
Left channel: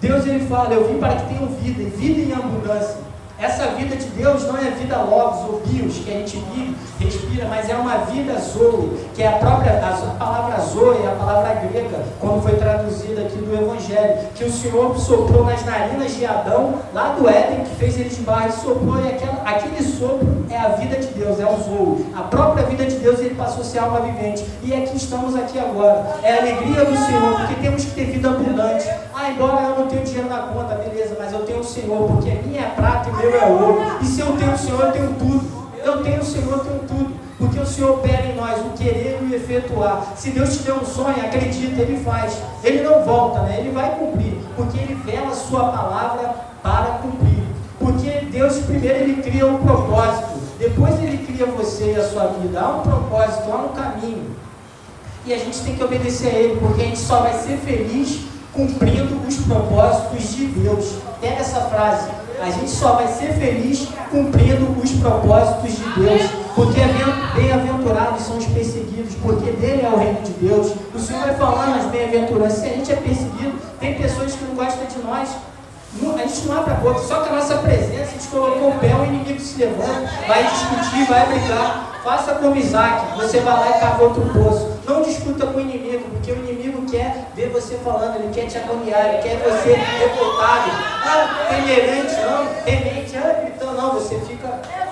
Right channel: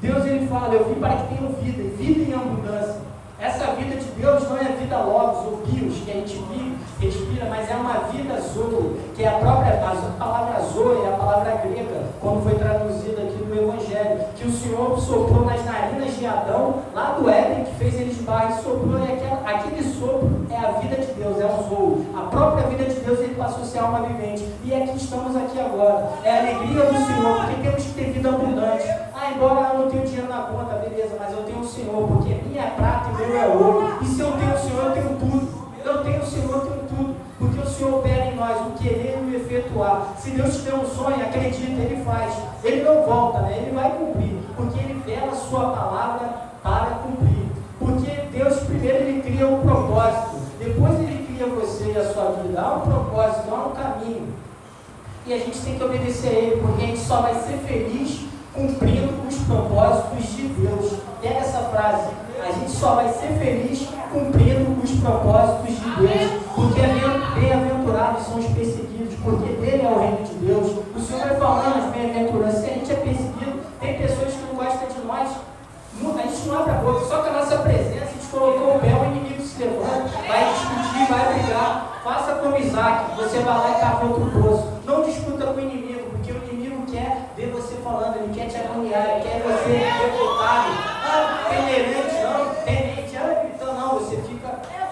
Deus, Ele fala: eu vim para que tenham vida, e vida em abundância. Essa vida de Deus não é vida logos ou bios, que a gente vive, respira, mas é uma vida zoe, que é a palavra zoe, é a palavra grega, quando foi traduzida aqui do Evangelho, que o Senhor soprou nas narinas de Adão, lá do Éden, que fez eles barro e soprou, e aquele sopro é a vida de Deus, é o zoe. A própria vida de Deus, Ele passou a ser alma vivente, e aqui estamos aqui agora. É a alegria do Senhor, porque temos que ter vida abundante. Embora eu não tenha dinheiro na conta, beleza, mas eu tenho o Senhor, porque minha é prata e meu é ouro. E se eu tenho o Senhor, eu tenho tudo. Eu tenho o Senhor, eu tenho tudo. Porque o Senhor opera em nós o querer e o efetuar. Se Deus te deu um sonho, acredita, Ele faz. Ele não volta, né? Ele vai cumprir. Porque Ele vela a sua palavra para cumprir. Porque Deus, primeiro, Ele cria um propósito. Depois Ele cria você e a sua vida. Há um propósito, há um caminho. E a gente tem que obedecer a Ele, porque a gente só vai ser feliz cumprindo os propósitos de Deus. Pega essa frase: a gente só vai ser feliz cumprindo os propósitos de Deus, porque bem-aventurados são os perseguidos, porque dele é o reino de Deus. O Senhor vai falando as bem-aventuranças. Se a gente é perseguido, tem pessoas que não gostam de nós, a gente não abre a boca, só que a nossa presença, a gente colocou o pé, o inimigo se levanta, vai discutir, vai brigar. Faça como Isaac, você vai lá e cava outro poço. Não discuta com o inimigo, porque o inimigo quer ver você falando, ele quer te agoniar, ele quer você revoltado. Temerante, não, temente, gritando, não, você fica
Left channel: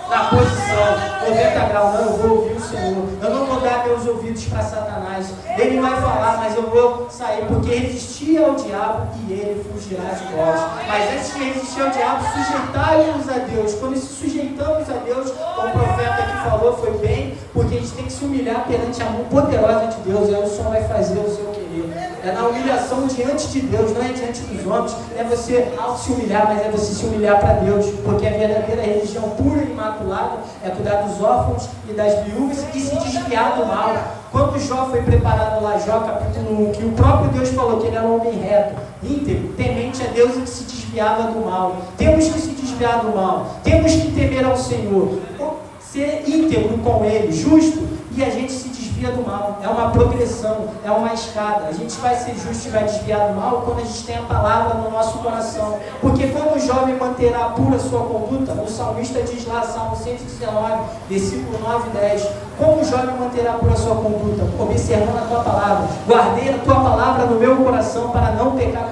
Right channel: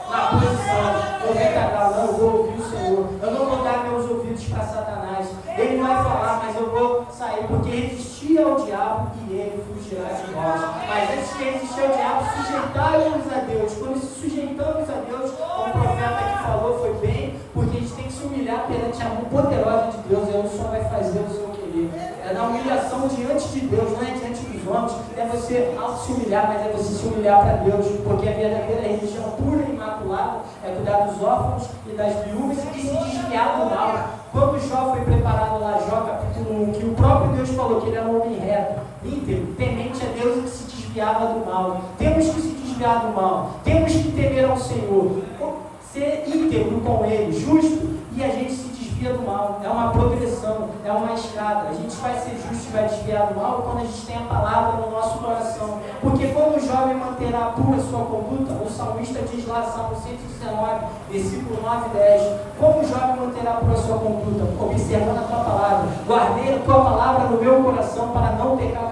na posição, 90 graus, não, eu vou ouvir o Senhor. Eu não vou dar meus ouvidos para Satanás. Ele vai falar, mas eu vou sair, porque resistir ao diabo e ele fugirá de nós. Mas antes de resistir ao diabo, sujeitai-nos a Deus. Quando se sujeitamos a Deus, como o profeta que falou, foi bem, porque a gente tem que se humilhar perante a mão poderosa de Deus. Aí o Senhor vai fazer o seu querer. É na humilhação diante de Deus, não é diante dos homens. Não é você se humilhar, mas é você se humilhar para Deus, porque a verdadeira religião pura e imaculada é cuidar dos órfãos e das viúvas e se desviar do mal. Quando Jó foi preparado lá, Jó capítulo 1, que o próprio Deus falou que ele era um homem reto, íntegro, temente a Deus e que se desviava do mal. Temos que se desviar do mal, temos que temer ao Senhor, ser íntegro com Ele, justo, e a gente se desvia do mal. É uma progressão, é uma escada. A gente vai ser justo e vai desviar do mal quando a gente tem a palavra no nosso coração. Porque quando o jovem manterá pura a sua conduta, o salmista diz lá, Salmo 119, versículo 9 e 10, como o jovem manterá pura a sua conduta? Observando a tua palavra. Guardei a tua palavra no meu coração para não pecar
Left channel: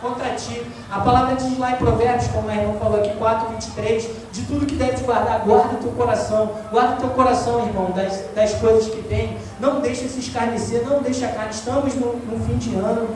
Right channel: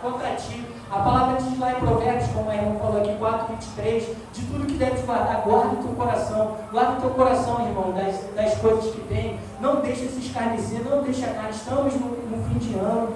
contra ti. A palavra diz lá em Provérbios, como a irmã falou aqui, 4:23, de tudo que deves guardar, guarda o teu coração. Guarda o teu coração, irmão, das coisas que tem. Não deixa se escarnecer, não deixa a carne. Estamos no fim de ano.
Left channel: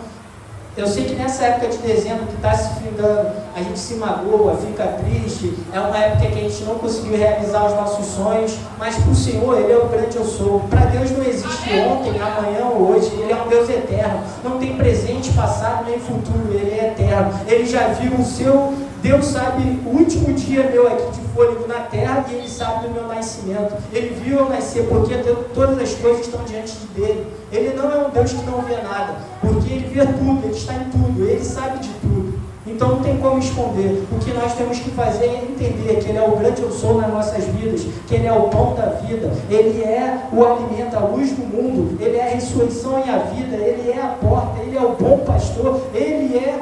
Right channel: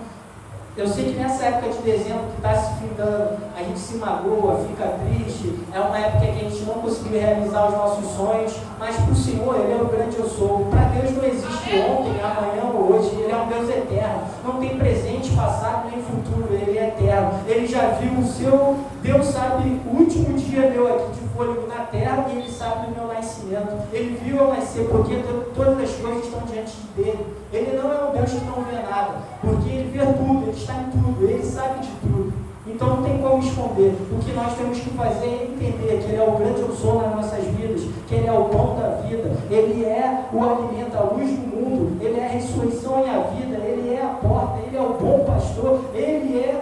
Eu sei que nessa época de dezembro que está se findando, a gente se magoa, fica triste, é uma época que a gente não conseguiu realizar os nossos sonhos, mas para o Senhor, Ele é o grande eu sou. Para Deus não existe ontem, amanhã ou hoje, Ele é um Deus eterno, não tem presente, passado nem futuro, Ele é eterno. Ele já viu o seu, Deus sabe o último dia meu aqui de fôlego na terra e Ele sabe do meu nascimento. Ele viu eu nascer porque todas as coisas estão diante dele. Ele não é um Deus que não vê nada, porque Ele vê tudo, Ele está em tudo, Ele sabe de tudo. Então não tem como esconder. O que nós temos que fazer é entender que Ele é o grande eu sou nas nossas vidas, que Ele é o pão da vida, Ele é o alimento, a luz do mundo, Ele é a ressurreição e a vida, Ele é a porta, Ele é o bom pastor, Ele é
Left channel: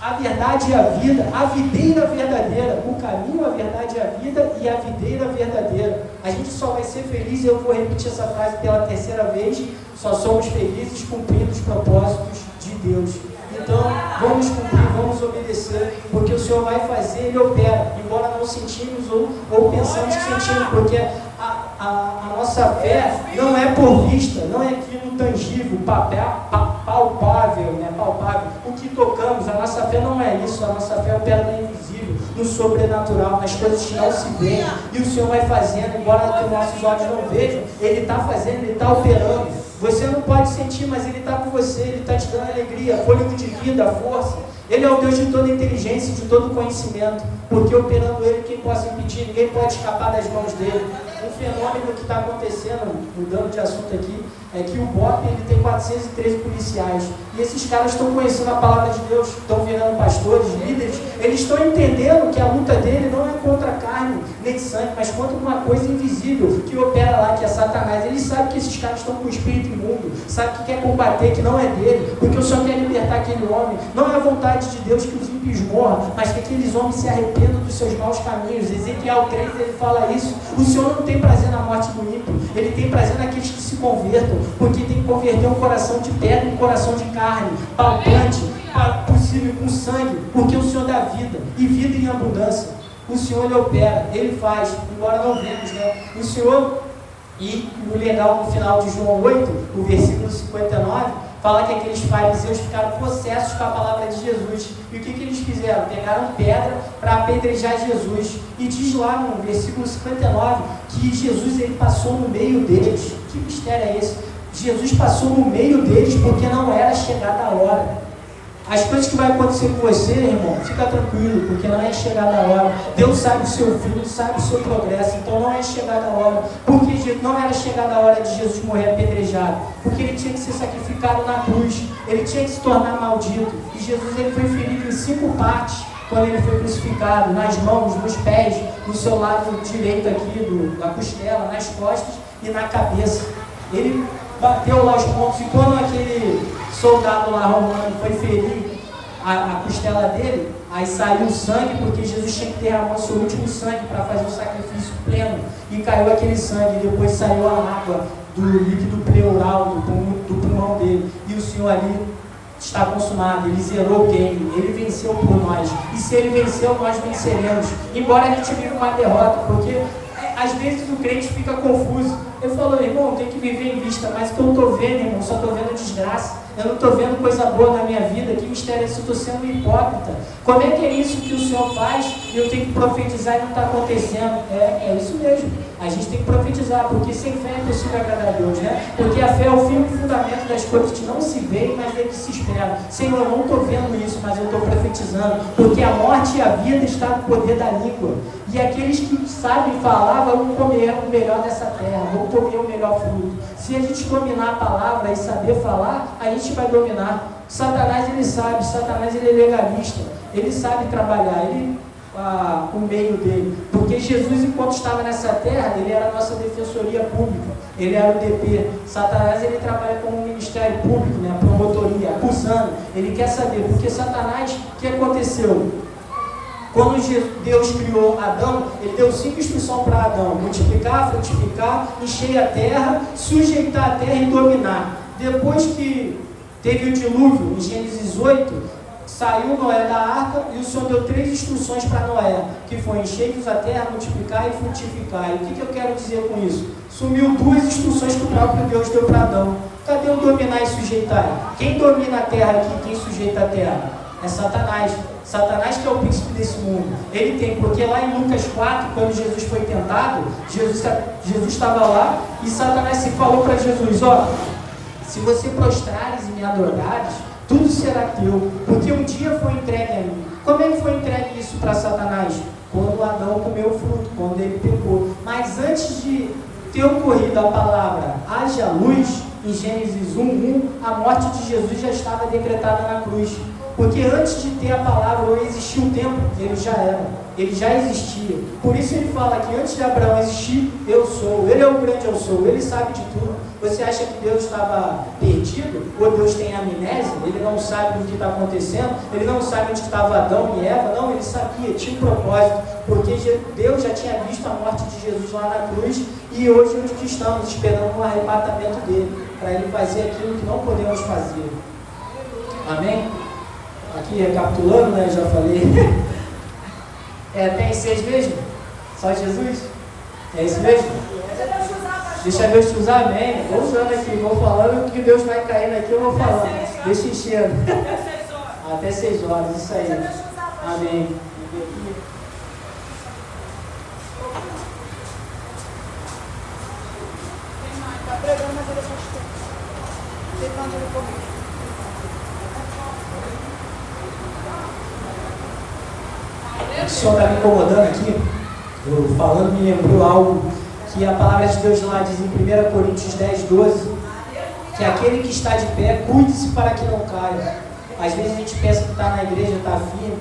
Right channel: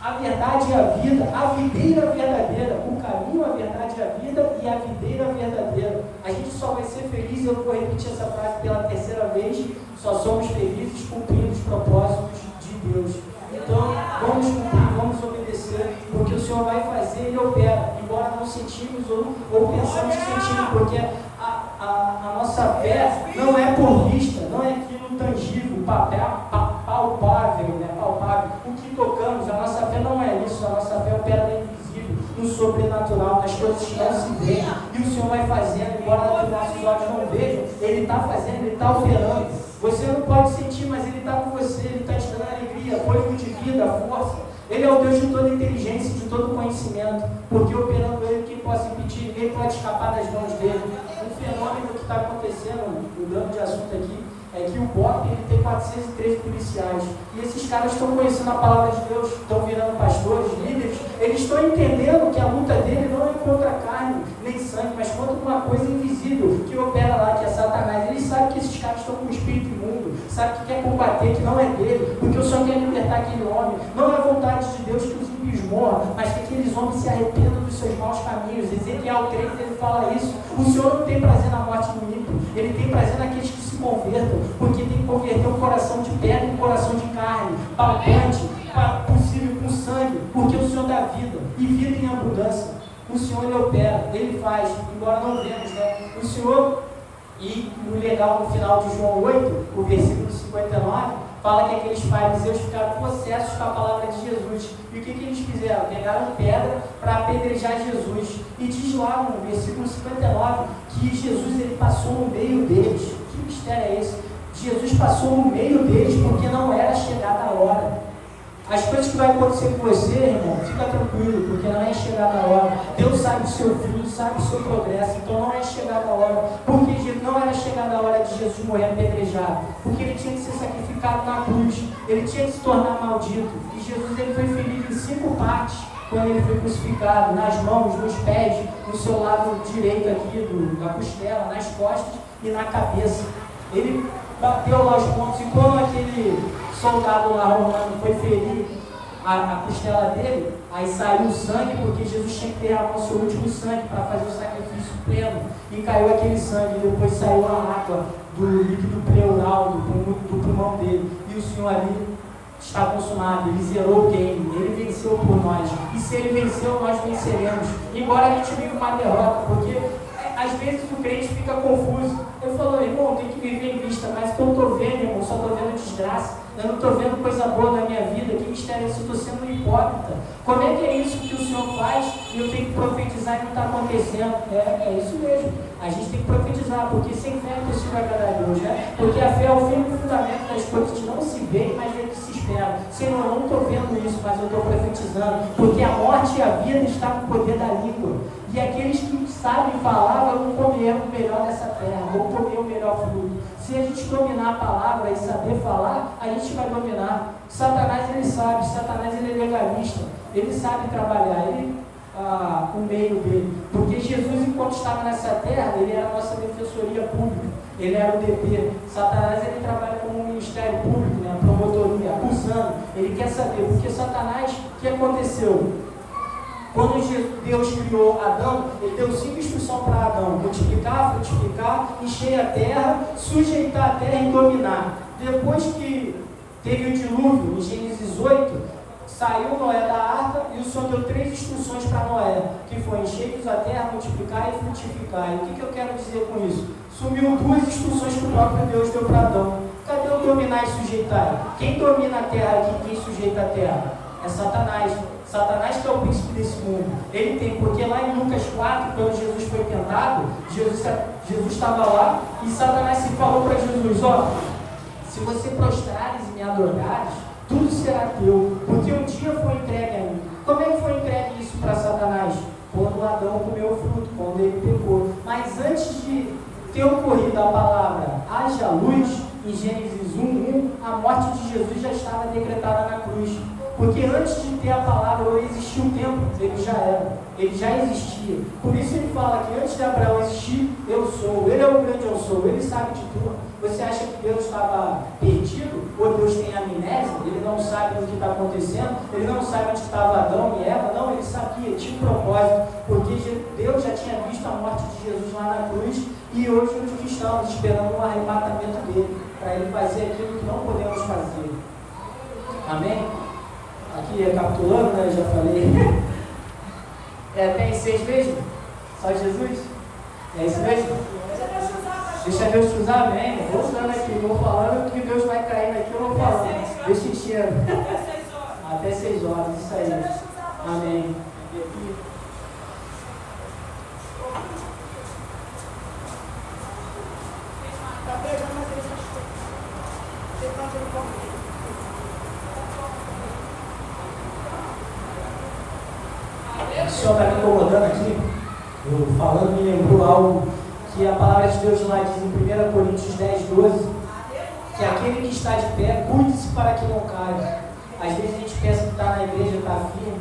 a a verdade e a vida, a videira verdadeira, o caminho, a verdade e a vida e a videira verdadeira. A gente só vai ser feliz, eu vou repetir essa frase pela terceira vez, só somos felizes cumprindo os propósitos de Deus. Então, vamos cumprir, vamos obedecer, porque o Senhor vai fazer, Ele opera, embora não sentimos ou pensamos que sentimos, porque a nossa fé não é por vista, não é aquilo tangível, palpável, né? Palpável, o que tocamos. A nossa fé não é isso, a nossa fé opera no invisível, no sobrenatural, nas coisas que não se veem, e o Senhor vai fazendo, embora os nossos olhos não vejam, Ele está fazendo, Ele está operando. Você não pode sentir, mas Ele está com você, Ele está te dando alegria, fôlego de vida, força. Ele é o Deus de toda inteligência, de todo conhecimento, porque operando Ele, quem possa impedir, ninguém pode escapar das mãos dEle. Um fenômeno que está acontecendo, mudando de assunto aqui, é que o BOP ele tem 413 policiais, e esses caras estão conhecendo a palavra de Deus, estão virando pastores, líderes, eles estão entendendo que a luta dele não é contra carne, nem sangue, mas contra uma coisa invisível, que opera lá, que é Satanás. Ele sabe que esses caras estão com o espírito imundo, sabe que quer combater, que não é dele, porque o Senhor quer libertar aquele homem. Não é a vontade de Deus que os ímpios morram, mas que aqueles homens se arrependam dos seus maus caminhos. Ezequiel 3, ele fala isso. O Senhor não tem prazer na morte do ímpio, Ele tem prazer naqueles que se convertam, porque tem que converter um coração de pedra em um coração de carne, palpante, possível com sangue, porque o Senhor dá vida, e vida em abundância. O Senhor, Ele opera, Ele faz, embora não vemos, né? O Senhor, e o legal no final de João 8, o versículo 59, fala que aqueles fariseus ficaram possessos com a palavra de Jesus. E o que eles fizeram? Pegaram pedra para apedrejar Jesus. E diz lá no versículo 59 que Jesus ele passou no meio deles. Que mistério é esse? Jesus passou no meio deles porque não era chegada a hora. As coisas que vai acontecer com você, irmão, fica tranquilo, porque não é chegada a hora. Deus sabe o seu fim, sabe o seu progresso, então não é chegada a hora. Porque não era chegada a hora de Jesus morrer apedrejado, porque ele tinha que ser sacrificado na cruz, ele tinha que se tornar maldito. E Jesus ele foi ferido em 5 partes quando ele foi crucificado, nas mãos, nos pés, no seu lado direito aqui, na costela, nas costas e na cabeça. Ele bateu lá os pontos, e quando aquele soldado lá romano foi ferir a costela dele, aí saiu o sangue, porque Jesus tinha que derramar o seu último sangue para fazer o sacrifício pleno, e caiu aquele sangue, e depois saiu a água do líquido pleural, do pulmão dele, e o Senhor ali está consumado, ele zerou o game, ele venceu por nós, e se ele venceu, nós venceremos, embora a gente viva uma derrota, porque às vezes o crente fica confuso. Eu falo, irmão, tem que viver em vista, mas o que eu estou vendo, irmão, só estou vendo desgraça. Eu não estou vendo coisa boa na minha vida. Que mistério é esse? Eu estou sendo um hipócrita. Como é que é isso que o Senhor faz e eu tenho que profetizar e não está acontecendo? É isso mesmo. A gente tem que profetizar, porque sem fé é impossível agradar a Deus, né? Porque a fé é o fim e o fundamento das coisas que não se veem, mas dele se espera. Senhor, eu não estou vendo isso, mas eu estou profetizando, porque a morte e a vida estão no poder da língua. E aqueles que sabem falar vão comer o melhor dessa terra, vão comer o melhor fruto. Se a gente dominar a palavra e saber falar, a gente vai dominar. Satanás ele sabe, Satanás ele é legalista, ele sabe trabalhar, o meio dele, porque Jesus enquanto estava nessa terra, ele era a nossa defensoria pública, ele era o DP. Satanás ele trabalha como um ministério público, né, promotoria, acusando, ele quer saber, porque Satanás, o que aconteceu? Quando Deus criou Adão, ele deu 5 instruções para Adão: multiplicar, frutificar, encher a terra, sujeitar a terra e dominar. Depois que teve o dilúvio, em Gênesis 8, saiu Noé da arca e o Senhor deu 3 instruções para Noé, que foi encher a terra, multiplicar e frutificar. E o que eu quero dizer com isso? Sumiu 2 instruções que o próprio Deus deu para Adão. Cadê o dominar e sujeitar? Quem domina a terra aqui, quem sujeita a terra? É Satanás. Satanás que é o príncipe desse mundo. Ele tem, porque lá em Lucas 4, quando Jesus foi tentado, Jesus estava lá e Satanás se falou para Jesus: ó, se você prostrares e me adorares, tudo será teu, porque um dia foi entregue a mim. Como é que foi entregue isso para Satanás? Quando Adão comeu o fruto, quando ele pegou. Mas antes de ter ocorrido a palavra haja luz, em Gênesis 1:1, a morte de Jesus já estava decretada na cruz. Porque antes de ter a palavra, ou existir o tempo, ele já era, ele já existia. Por isso ele fala que antes de Abraão existir, eu sou. Ele é o grande eu sou, ele sabe de tudo. Você acha que Deus estava perdido? Ou Deus tem amnésia? Ele não sabe o que está acontecendo? Ele não sabe onde estava Adão e Eva? Não, ele sabia, tinha um propósito. Porque Deus já tinha visto a morte de Jesus lá na cruz. E hoje nós que estamos esperando um arrebatamento dele, para ele fazer aquilo que não podemos fazer. Amém? Aqui recapitulando, né? Eu já falei. Tem 6 mesmo? Só Jesus? É isso mesmo? Deixa Deus te usar, amém. Vou usando aqui, vou falando que Deus vai caindo aqui, eu vou falando. Deixa enchendo. Até 6 horas, isso aí. Amém. O senhor está me incomodando aqui, eu falando me lembrou algo que a palavra de Deus lá diz em 1 Coríntios 10, 12, que aquele que está de pé, cuide-se para que não caia. Às vezes a gente pensa que está na igreja, está firme.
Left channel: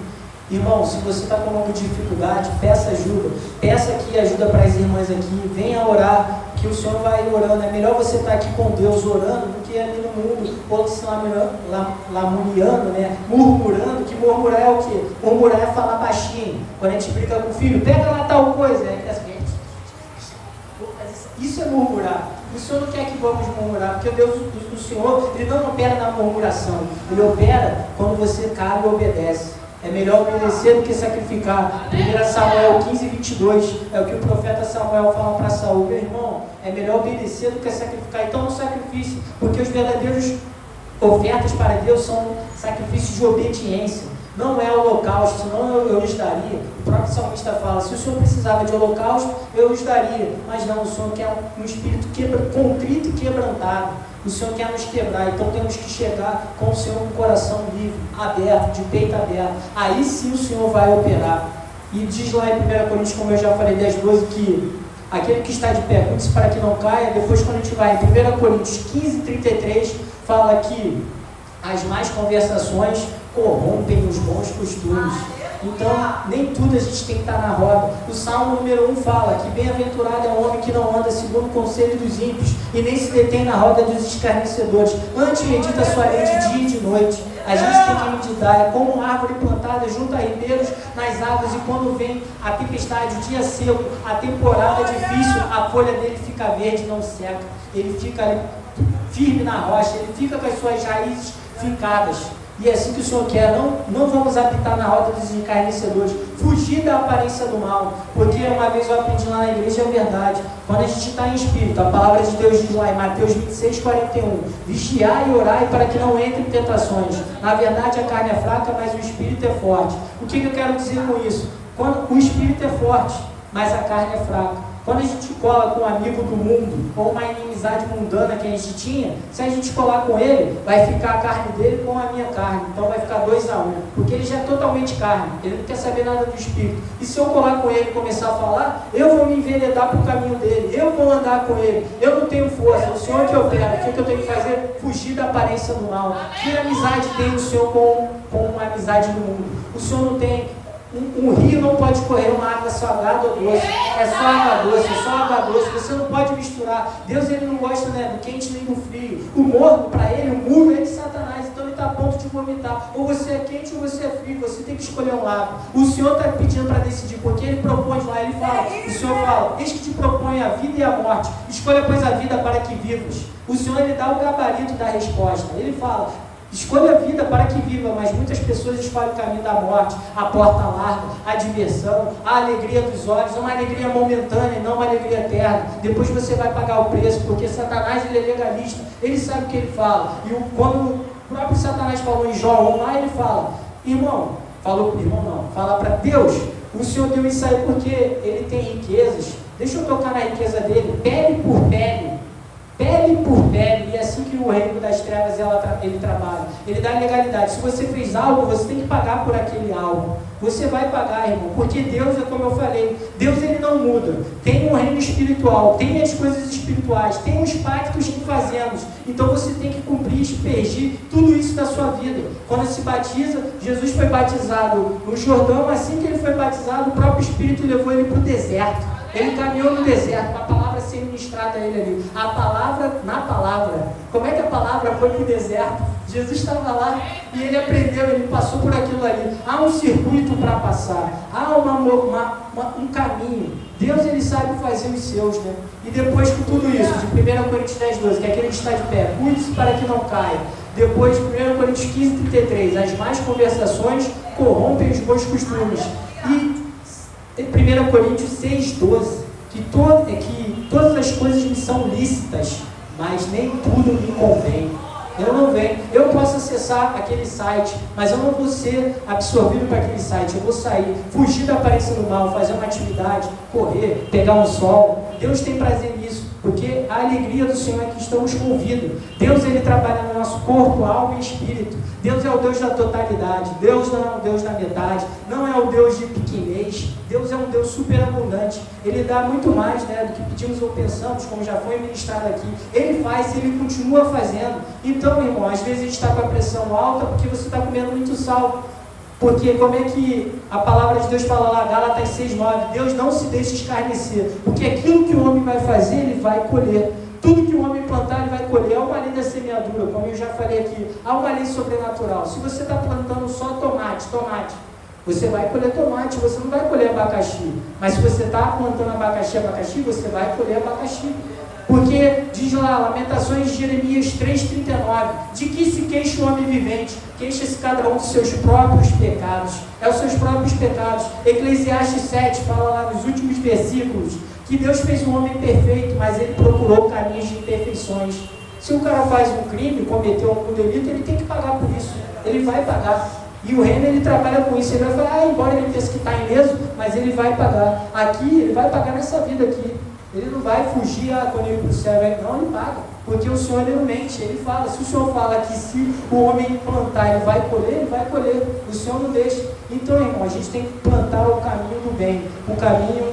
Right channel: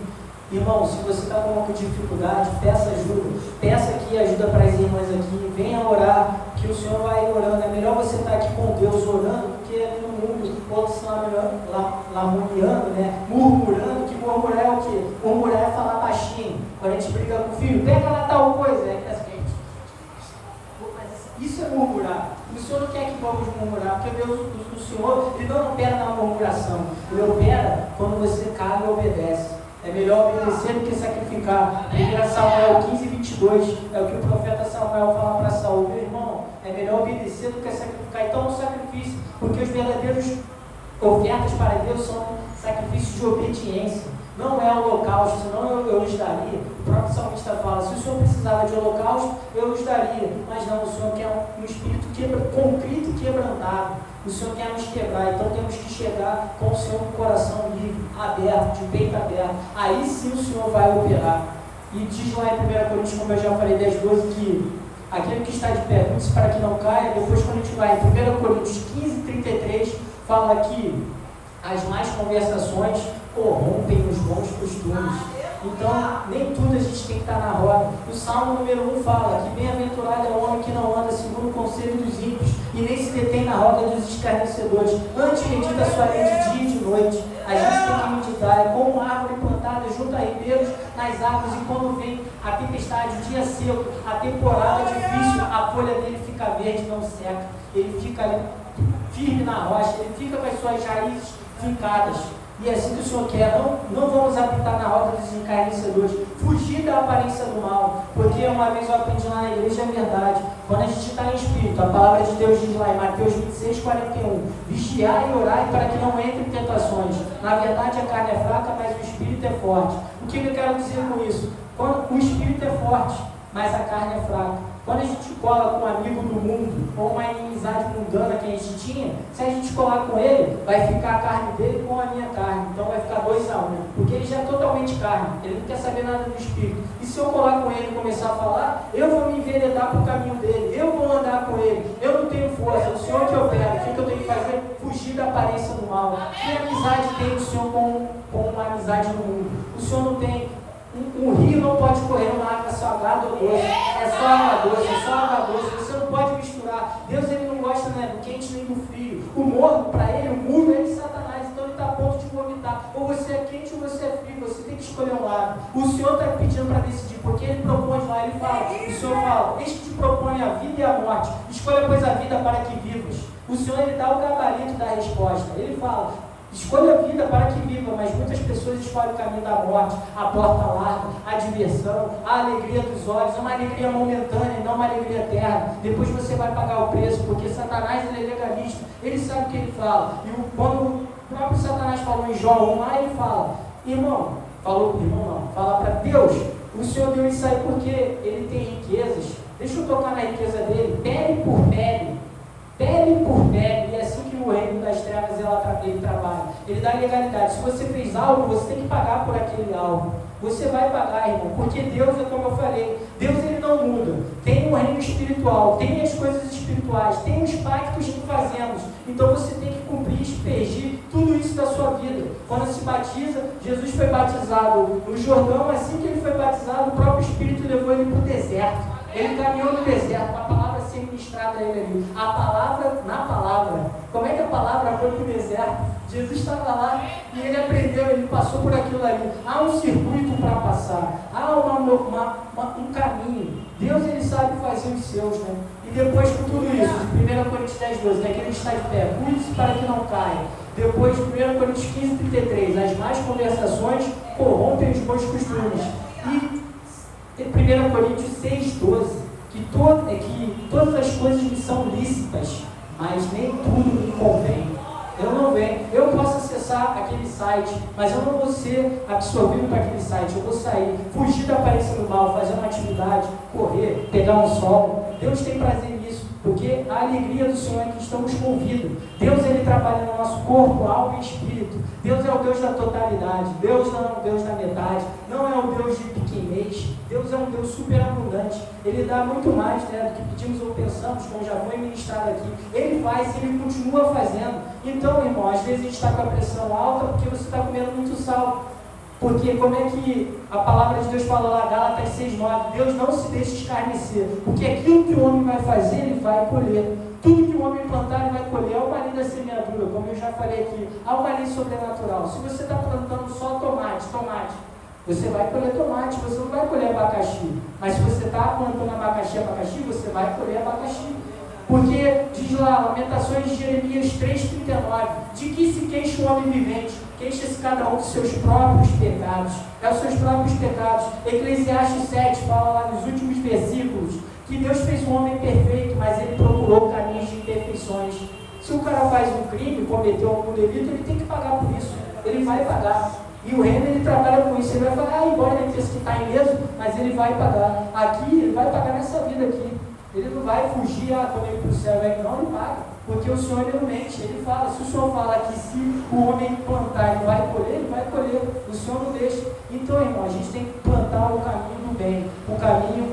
Irmão, se você está com alguma dificuldade, peça ajuda. Peça aqui ajuda para as irmãs aqui. Venha orar, que o Senhor vai orando. É melhor você estar aqui com Deus orando do que ali no mundo, ou se lamuriando, né? Murmurando, que murmurar é o quê? Murmurar é falar baixinho. Quando a gente briga com o filho, pega lá tal coisa. Isso é murmurar. O Senhor não quer que vamos murmurar, porque Deus, o Senhor, Ele não opera na murmuração. Ele opera quando você cabe e obedece. É melhor obedecer do que sacrificar. 1 Samuel 15, 22 é o que o profeta Samuel fala para Saul. Meu irmão, é melhor obedecer do que sacrificar. Então não sacrifício, porque os verdadeiros ofertas para Deus são sacrifícios de obediência. Não é holocausto, senão eu lhes daria. O próprio salmista fala, se o Senhor precisava de holocausto, eu lhes daria. Mas não, o Senhor quer um espírito contrito e quebrantado. O Senhor quer nos quebrar, então temos que chegar com o Senhor com o coração livre, aberto, de peito aberto. Aí sim o Senhor vai operar. E diz lá em 1 Coríntios, como eu já falei, 10, 12, que aquele que está de pé, cuide-se para que não caia. Depois, quando a gente vai em 1 Coríntios 15, 33, fala que as más conversações corrompem os bons costumes. Então, nem tudo a gente tem que estar na roda. O Salmo número 1 fala que bem-aventurado é o homem que não anda segundo o conselho dos ímpios e nem se detém na roda dos escarnecedores. Antes medita a sua lei de dia e de noite. A gente tem que meditar. É como uma árvore plantada junto a ribeiros nas águas, e quando vem a tempestade, o dia seco, a temporada difícil, a folha dele fica verde, não seca. Ele fica ali firme na rocha, ele fica com as suas raízes fincadas. E é assim que o Senhor quer. Não vamos habitar na roda dos encarnecedores, fugir da aparência do mal, porque uma vez eu aprendi lá na igreja, é verdade, quando a gente está em espírito, a palavra de Deus diz lá em Mateus 26, 41, vigiai e orai para que não entre em tentações. Na verdade a carne é fraca, mas o espírito é forte. O que eu quero dizer com isso? Quando o espírito é forte, mas a carne é fraca. Quando a gente cola com um amigo do mundo, ou uma inimizade mundana que a gente tinha, se a gente colar com ele, vai ficar a carne dele com a minha carne. Então vai ficar 2 a 1, porque ele já é totalmente carne, ele não quer saber nada do espírito. E se eu colar com ele e começar a falar, eu vou me enveredar para o caminho dele, eu vou andar com ele, eu não tenho força, é o Senhor que opera. O que eu tenho que fazer? Fugir da aparência do mal. Que amizade tem o Senhor com uma amizade do mundo? O Senhor não tem. Um rio não pode correr uma água salgada ou doce, é só água doce, é só água doce, você não pode misturar. Deus, ele não gosta, né, do quente nem do frio. O morno, para ele, o muro é de Satanás, então ele está a ponto de vomitar. Ou você é quente ou você é frio, você tem que escolher um lado. O Senhor está pedindo para decidir, porque ele propõe lá, ele fala, o Senhor fala, eis que te propõe a vida e a morte, escolha pois a vida para que vivas. O Senhor, ele dá o gabarito da resposta, ele fala, escolha a vida para que viva, mas muitas pessoas escolhem o caminho da morte, a porta larga, a diversão, a alegria dos olhos, uma alegria momentânea e não uma alegria eterna. Depois você vai pagar o preço, porque Satanás, ele é legalista, ele sabe o que ele fala. E quando o próprio Satanás falou em João 1 lá, ele fala, irmão, falou para o irmão não, fala para Deus, o Senhor deu isso aí porque ele tem riquezas, deixa eu tocar na riqueza dele, pele por pele, e é assim que o reino das trevas trevas ele trabalha. Ele dá legalidade. Se você fez algo, você tem que pagar por aquele algo. Você vai pagar, irmão, porque Deus é como eu falei, Deus ele não muda. Tem um reino espiritual, tem as coisas espirituais, tem os pactos que fazemos. Então você tem que cumprir, aspergir tudo isso na sua vida. Quando se batiza, Jesus foi batizado no Jordão, assim que ele foi batizado, o próprio Espírito levou ele para o deserto. Ele caminhou no deserto, com a palavra sendo ministrada a ele ali. A palavra na palavra. Como é que a palavra foi para o deserto? Jesus estava lá e ele aprendeu, ele passou por aquilo ali. Há um circuito para passar, há um caminho. Deus ele sabe fazer os seus, né? E depois com tudo isso, de 1 Coríntios 10:12, que aquele que está de pé, cuide-se para que não caia. Depois, 1 Coríntios 15:33, as más conversações corrompem os bons costumes. E 1 Coríntios 6:12, que todas as coisas me são lícitas, mas nem tudo me convém. Eu posso acessar aquele site, mas eu não vou ser absorvido para aquele site. Eu vou sair, fugir da aparência do mal, fazer uma atividade, correr, pegar um sol. Deus tem prazer nisso, porque a alegria do Senhor é que estamos com vida. Deus ele trabalha no nosso corpo, alma e espírito. Deus é o Deus da totalidade. Deus não é um Deus da metade, não é o Deus de pequenez. Deus é um Deus superabundante. Ele dá muito mais, né, do que pedimos ou pensamos, como já foi ministrado aqui. Ele faz, ele continua fazendo. Então, irmão, às vezes a gente está com a pressão alta porque você está comendo muito sal. Porque como é que a palavra de Deus fala lá, Gálatas 6:9, Deus não se deixa escarnecer, porque aquilo que o homem vai fazer, ele vai colher. Tudo que o homem plantar, ele vai colher. É uma lei da semeadura, como eu já falei aqui, há uma lei sobrenatural. Se você está plantando só tomate, você vai colher tomate, você não vai colher abacaxi. Mas se você está plantando abacaxi, você vai colher abacaxi. Porque diz lá, Lamentações de Jeremias 3:39, de que se queixa o homem vivente? Queixa-se cada um dos seus próprios pecados. É os seus próprios pecados. Eclesiastes 7 fala lá nos últimos versículos que Deus fez um homem perfeito, mas ele procurou caminhos de imperfeições. Se o cara faz um crime, cometeu um delito, ele tem que pagar por isso. Ele vai pagar. E o reino ele trabalha com isso. Ele vai falar, embora ele pense que está ileso, mas ele vai pagar. Aqui, ele vai pagar nessa vida aqui. Ele não vai fugir, quando ele ir para o céu, não, ele paga. Porque o Senhor ele não mente, ele fala, se o Senhor fala que se o homem plantar, ele vai colher, o Senhor não deixa. Então, irmão, a gente tem que plantar o caminho do bem, o caminho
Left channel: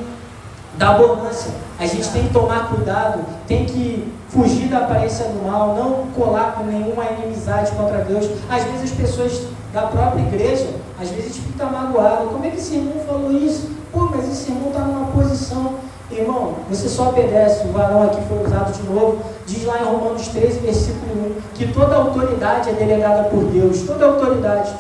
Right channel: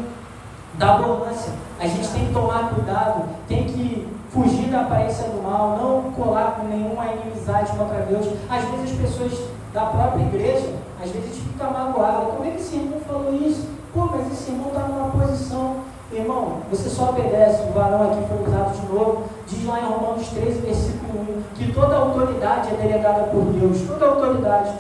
da abundância. A gente tem que tomar cuidado, tem que fugir da aparência do mal, não colar com nenhuma inimizade contra Deus. Às vezes as pessoas da própria igreja, às vezes ficam magoadas, como é que esse irmão falou isso? Pô, mas esse irmão está numa posição. Irmão, você só obedece. O varão aqui foi usado de novo. Diz lá em Romanos 13, versículo 1, que toda autoridade é delegada por Deus. Toda autoridade,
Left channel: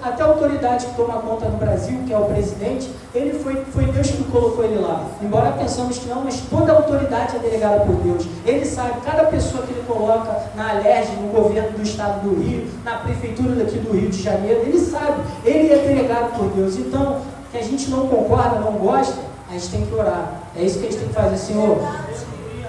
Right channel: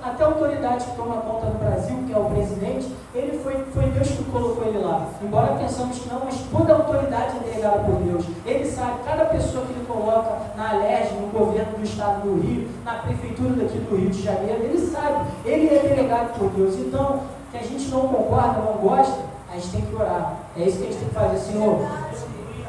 até a autoridade que toma conta do Brasil, que é o presidente, ele foi Deus que colocou ele lá. Embora pensamos que não, mas toda autoridade é delegada por Deus. Ele sabe, cada pessoa que ele coloca na Alerj, no governo do estado do Rio, na prefeitura daqui do Rio de Janeiro, ele sabe, ele é delegado por Deus. Então, que a gente não concorda, não gosta, a gente tem que orar. É isso que a gente tem que fazer, Senhor.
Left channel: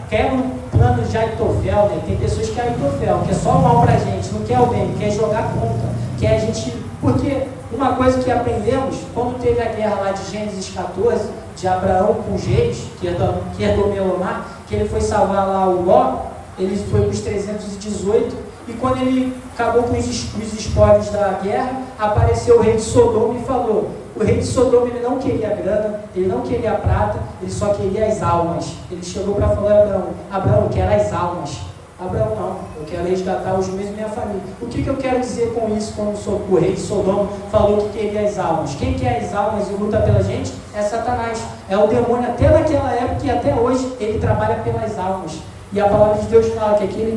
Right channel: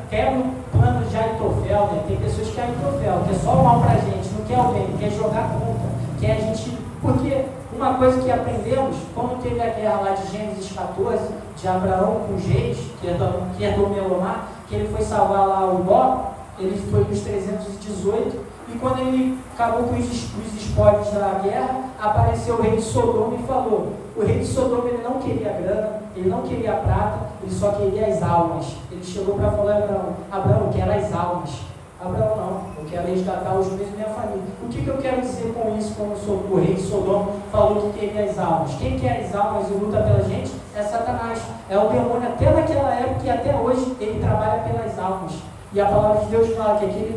Quer um plano de Aitofel, né? Tem pessoas que querem Aitofel, que é só o mal pra gente, não quer o bem, quer jogar contra, quer a gente. Porque uma coisa que aprendemos, quando teve a guerra lá de Gênesis 14, de Abraão com os reis, que é do Melomar, que ele foi salvar lá o Ló, ele foi para os 318, e quando ele acabou com os espólios da guerra, apareceu o rei de Sodoma e falou. O rei de Sodoma ele não queria grana, ele não queria prata, ele só queria as almas. Ele chegou para falar a Abraão, Abraão, eu quero as almas. Abraão, não, eu quero resgatar os meus e minha família. O que eu quero dizer com isso quando o rei de Sodoma falou que queria as almas? Quem quer as almas e luta pela gente é Satanás. É o demônio até naquela época e até hoje ele trabalha pelas almas. E a palavra de Deus fala que aquele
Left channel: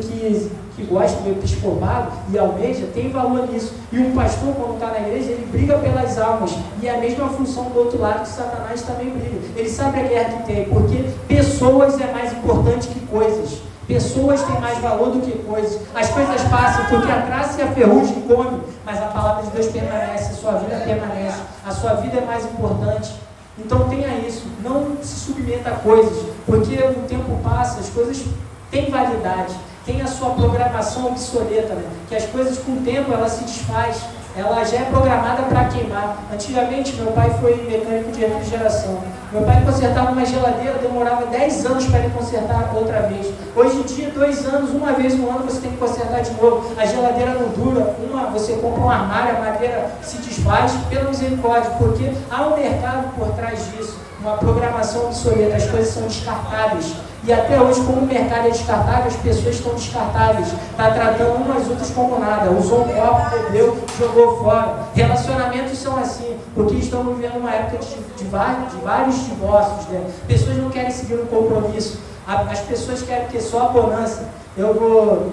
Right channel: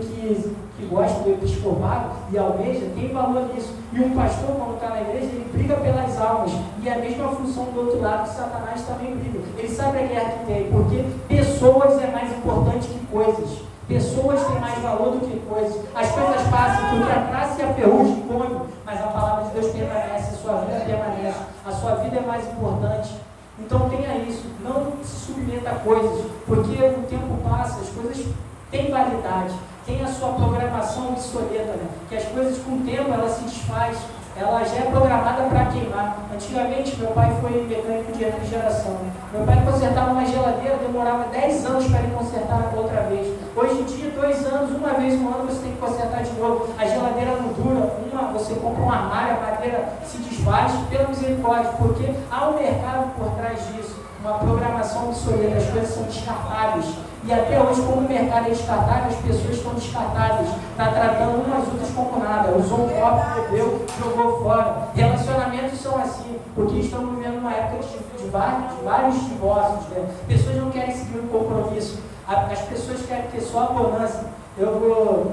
que gosta do episcopado e almeja tem valor nisso. E um pastor, quando está na igreja, ele briga pelas almas. E é a mesma função do outro lado que Satanás também briga. Ele sabe a guerra que tem, porque pessoas é mais importante que coisas. Pessoas têm mais valor do que coisas. As coisas passam, porque a traça e a ferrugem come, mas a palavra de Deus permanece, a sua vida permanece. A sua vida é mais importante. Então tenha isso, não se submeta a coisas, porque o tempo passa, as coisas têm validade, tem a sua programação obsoleta, né? Que as coisas com o tempo elas se desfaz. ela já é programada para queimar. Antigamente, meu pai foi mecânico de refrigeração. Meu pai consertava uma geladeira, demorava 10 anos para ele consertar outra vez. Hoje em dia, 2 anos, uma vez no ano, você tem que consertar de novo. A geladeira não dura, você compra um armário, a madeira se desfaz, pela misericórdia, porque há um mercado por trás disso, uma programação obsoleta, as coisas são descartáveis. E até hoje, como o mercado é descartável, as pessoas estão descartáveis. Está tratando umas outras como nada. Usou um copo, bebeu, jogou fora. Relacionamentos são assim, porque estamos vivendo uma época de vários divórcios. Né? Pessoas não querem seguir um compromisso. As pessoas querem ter só a bonança. Eu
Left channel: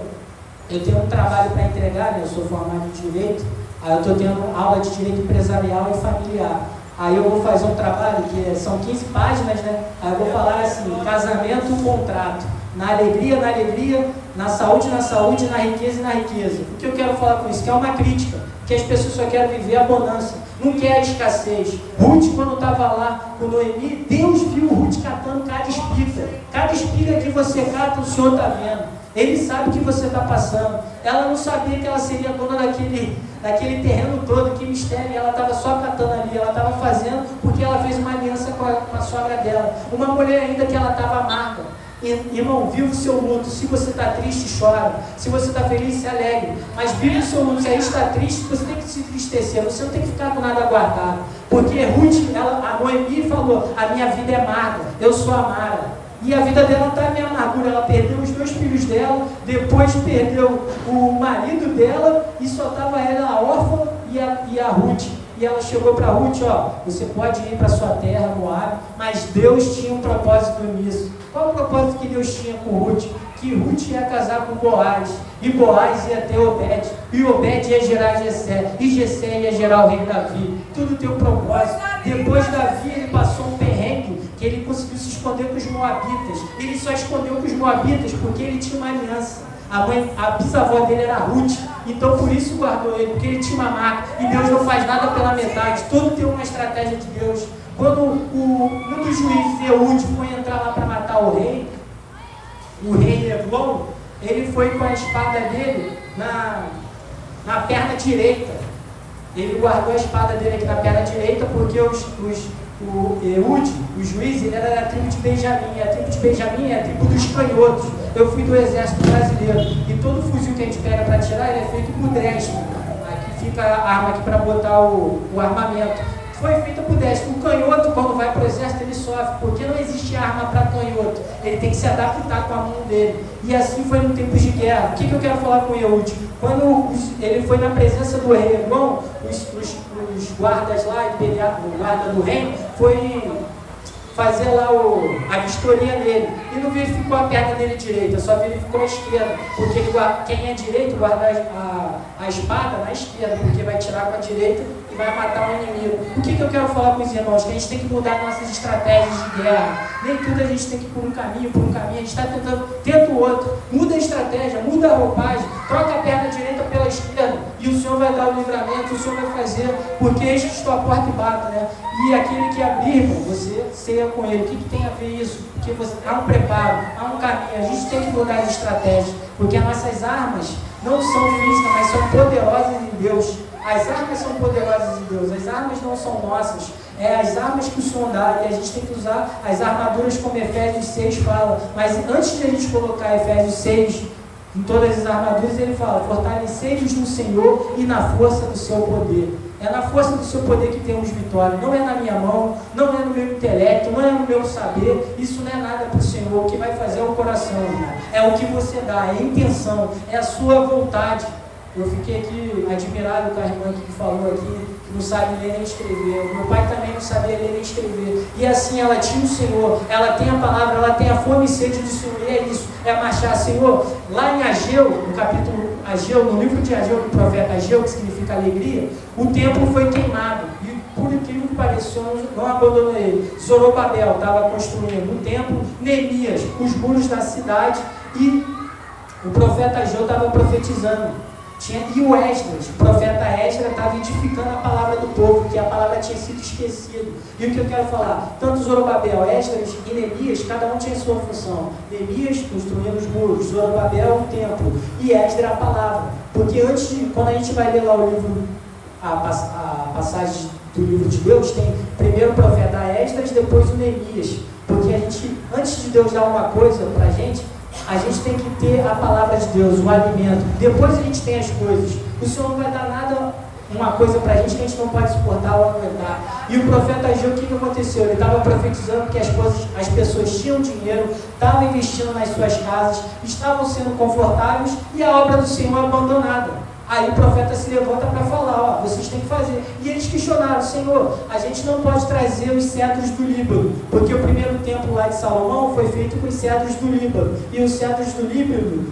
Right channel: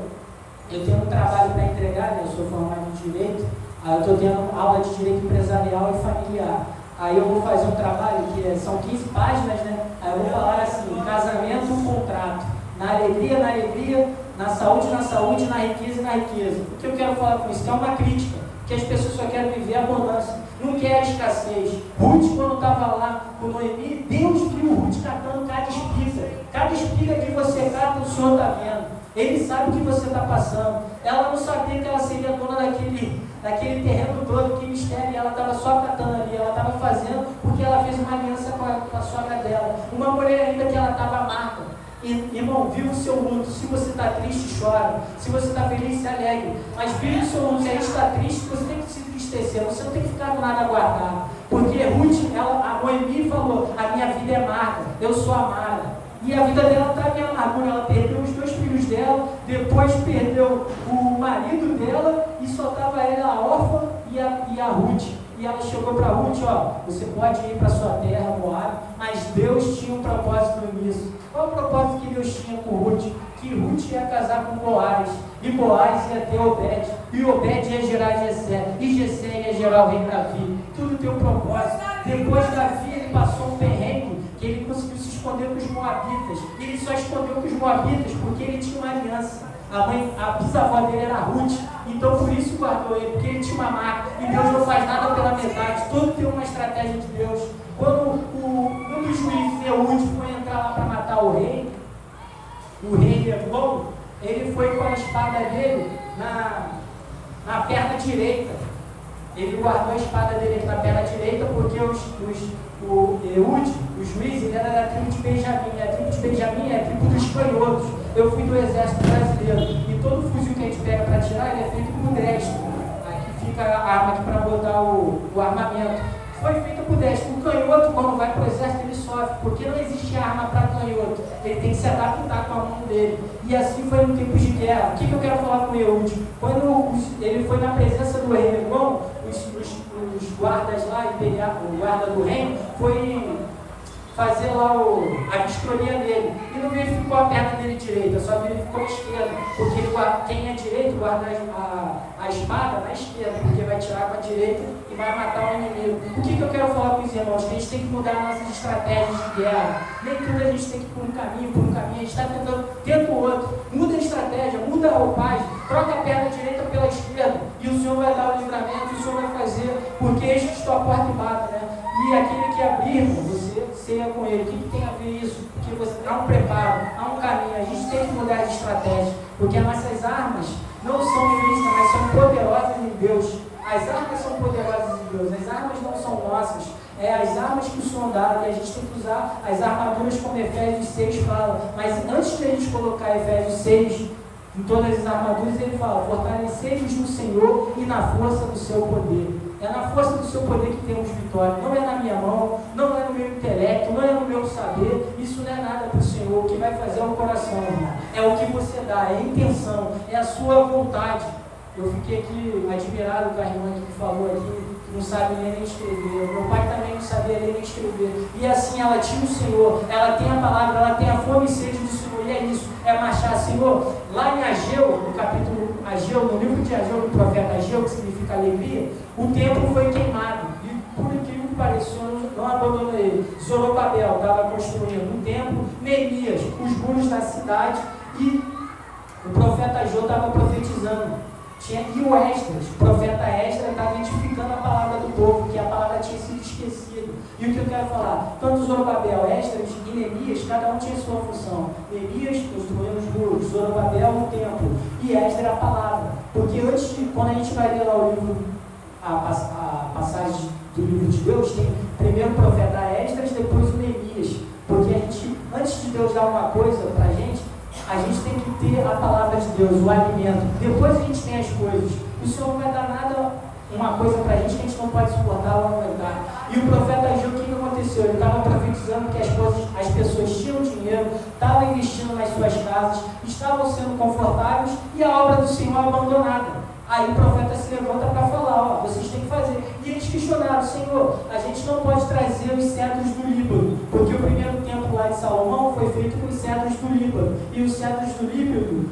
tenho um trabalho para entregar, né? Eu sou formado em Direito. Aí eu estou tendo aula de Direito Empresarial e Familiar. Aí eu vou fazer um trabalho que são 15 páginas, né? Aí eu vou falar assim, casamento, contrato. Na alegria, na saúde, na riqueza e na riqueza. O que eu quero falar com isso? Que é uma crítica. Que as pessoas só querem viver a bonança, não quer a escassez. Ruth, quando estava lá com Noemi, Deus viu Ruth catando cada espiga. Cada espiga que você cata, o Senhor está vendo. Ele sabe o que você está passando. Ela não sabia que ela seria dona daquele terreno todo, que mistério, e ela estava só catando ali, ela estava fazendo porque ela fez uma aliança com a sogra dela. Uma mulher ainda que ela estava amarga. Irmão, vive o seu luto. Se você está triste, chora. Se você está feliz, se alegre. Mas vive o seu luto. Se aí está triste, você tem que se entristecer. Você não tem que ficar com nada guardado. Porque Ruth, a Noemi falou, a minha vida é amarga, eu sou amara. E a vida dela está em amargura. Ela perdeu os 2 filhos dela, depois perdeu o marido dela, e só estava ela, a órfã, e a Ruth. E ela chegou para Ruth, você pode ir para sua terra, Moab, mas Deus tinha um propósito nisso. Qual o propósito que Deus tinha com Ruth? Que Ruth ia casar com Boaz, e Boaz ia ter Obed, e Obed ia gerar Jessé, e Jessé ia gerar o rei Davi. Tudo tem um propósito. Depois Davi, ele passou um perrengue, que ele conseguiu se esconder com os Moabitas. Ele só escondeu com os Moabitas porque ele tinha uma aliança. A bisavó dele era Ruth, então por isso guardou ele, porque ele tinha uma marca, e Deus não faz nada pela metade, tudo tem uma estratégia de Deus. Quando um dos juízes, Eude, foi entrar lá para matar o rei Eglon, ele foi com a espada dele na perna direita. Ele guardou a espada dele aqui na perna direita, porque o Eude, o juiz, ele era da tribo de Benjamim. A tribo de Benjamim é a tribo dos canhotos. Eu fui do exército brasileiro, e todo fuzil que a gente pega para tirar, ele é feito por destro. Aqui fica a arma aqui para botar o armamento. Foi feito por destro. O canhoto, quando vai para o exército, ele sofre, porque não existe arma para canhoto. Ele tem que se adaptar com a mão dele. E assim foi no tempo de guerra. O que eu quero falar com Eude? Quando ele foi na presença do rei Eglon, os guardas lá, o guarda do reino, foi fazer lá a vistoria dele. E não verificou a perna dele direita, só verificou a esquerda. Porque quem é direito guarda a espada na esquerda, porque vai tirar com a direita e vai matar o inimigo. O que eu quero falar com os irmãos? Que a gente tem que mudar nossas estratégias de guerra. Nem tudo a gente tem que ir por um caminho, a gente está tenta o outro. Muda a estratégia, muda a roupagem, troca a perna direita pela esquerda, e o Senhor vai dar o livramento, o Senhor vai fazer, porque eis que estou à porta e bato, né? E aquele que abrir, irmão, você ceia com ele. O que tem a ver isso? Porque há um preparo, há um caminho. A gente tem que mudar as estratégias, porque as nossas armas não são físicas, mas são poderosas em Deus. As armas são poderosas em Deus, as armas não são nossas, é as armas que o Senhor dá, e a gente tem que usar as armaduras como Efésios 6 fala. Mas antes de a gente colocar Efésios 6 em todas as armaduras, ele fala, fortalecei-vos no Senhor e na força do seu poder. É na força do seu poder que temos vitória, não é na minha mão, não é no meu intelecto, não é no meu saber, isso não é nada para o Senhor. O que vai fazer é o coração, irmão. É o que você dá, é a intenção, é a sua vontade. Eu fiquei aqui admirado com a irmã que falou aqui, que não sabe ler nem escrever. Meu pai também não sabia ler nem escrever. E assim, ela tinha o Senhor, ela tem a palavra, ela tem a fome e sede do Senhor. E é isso, é marchar, Senhor. Lá em Ageu, no capítulo Ageu, no livro de Ageu, do profeta Ageu, que significa alegria, o templo foi queimado. E por incrível que pareça, o Senhor não abandonou ele. Zorobabel estava construindo um templo, Neemias, os muros da cidade, e o profeta Ageu estava profetizando. E o Esdras, o profeta Esdras, estava edificando a palavra do povo, que a palavra tinha sido esquecida. E o que eu quero falar? Tanto Zorobabel, Esdras e Neemias, cada um tinha sua função. Neemias construindo os muros, Zorobabel o templo, e Esdras a palavra. Porque quando a gente vai ler lá o livro a passagem do livro de Deus, tem primeiro o profeta Esdras, depois o Neemias. Porque a gente, antes de Deus dar uma coisa para a gente tem que ter a palavra de Deus, o alimento. Depois a gente tem as coisas. O Senhor não vai dar nada, uma coisa para a gente que a gente não pode suportar ou aguentar. E o profeta Ageu, o que aconteceu? Ele estava profetizando que as pessoas tinham dinheiro, estavam investindo nas suas casas, estavam sendo confortáveis e a obra do Senhor abandonada. Aí o profeta se levanta para falar, vocês têm que fazer. E eles questionaram, Senhor, a gente não pode trazer os cedros do Líbano, porque o primeiro templo lá de Salomão foi feito com os cedros do Líbano. E os cedros do Líbano,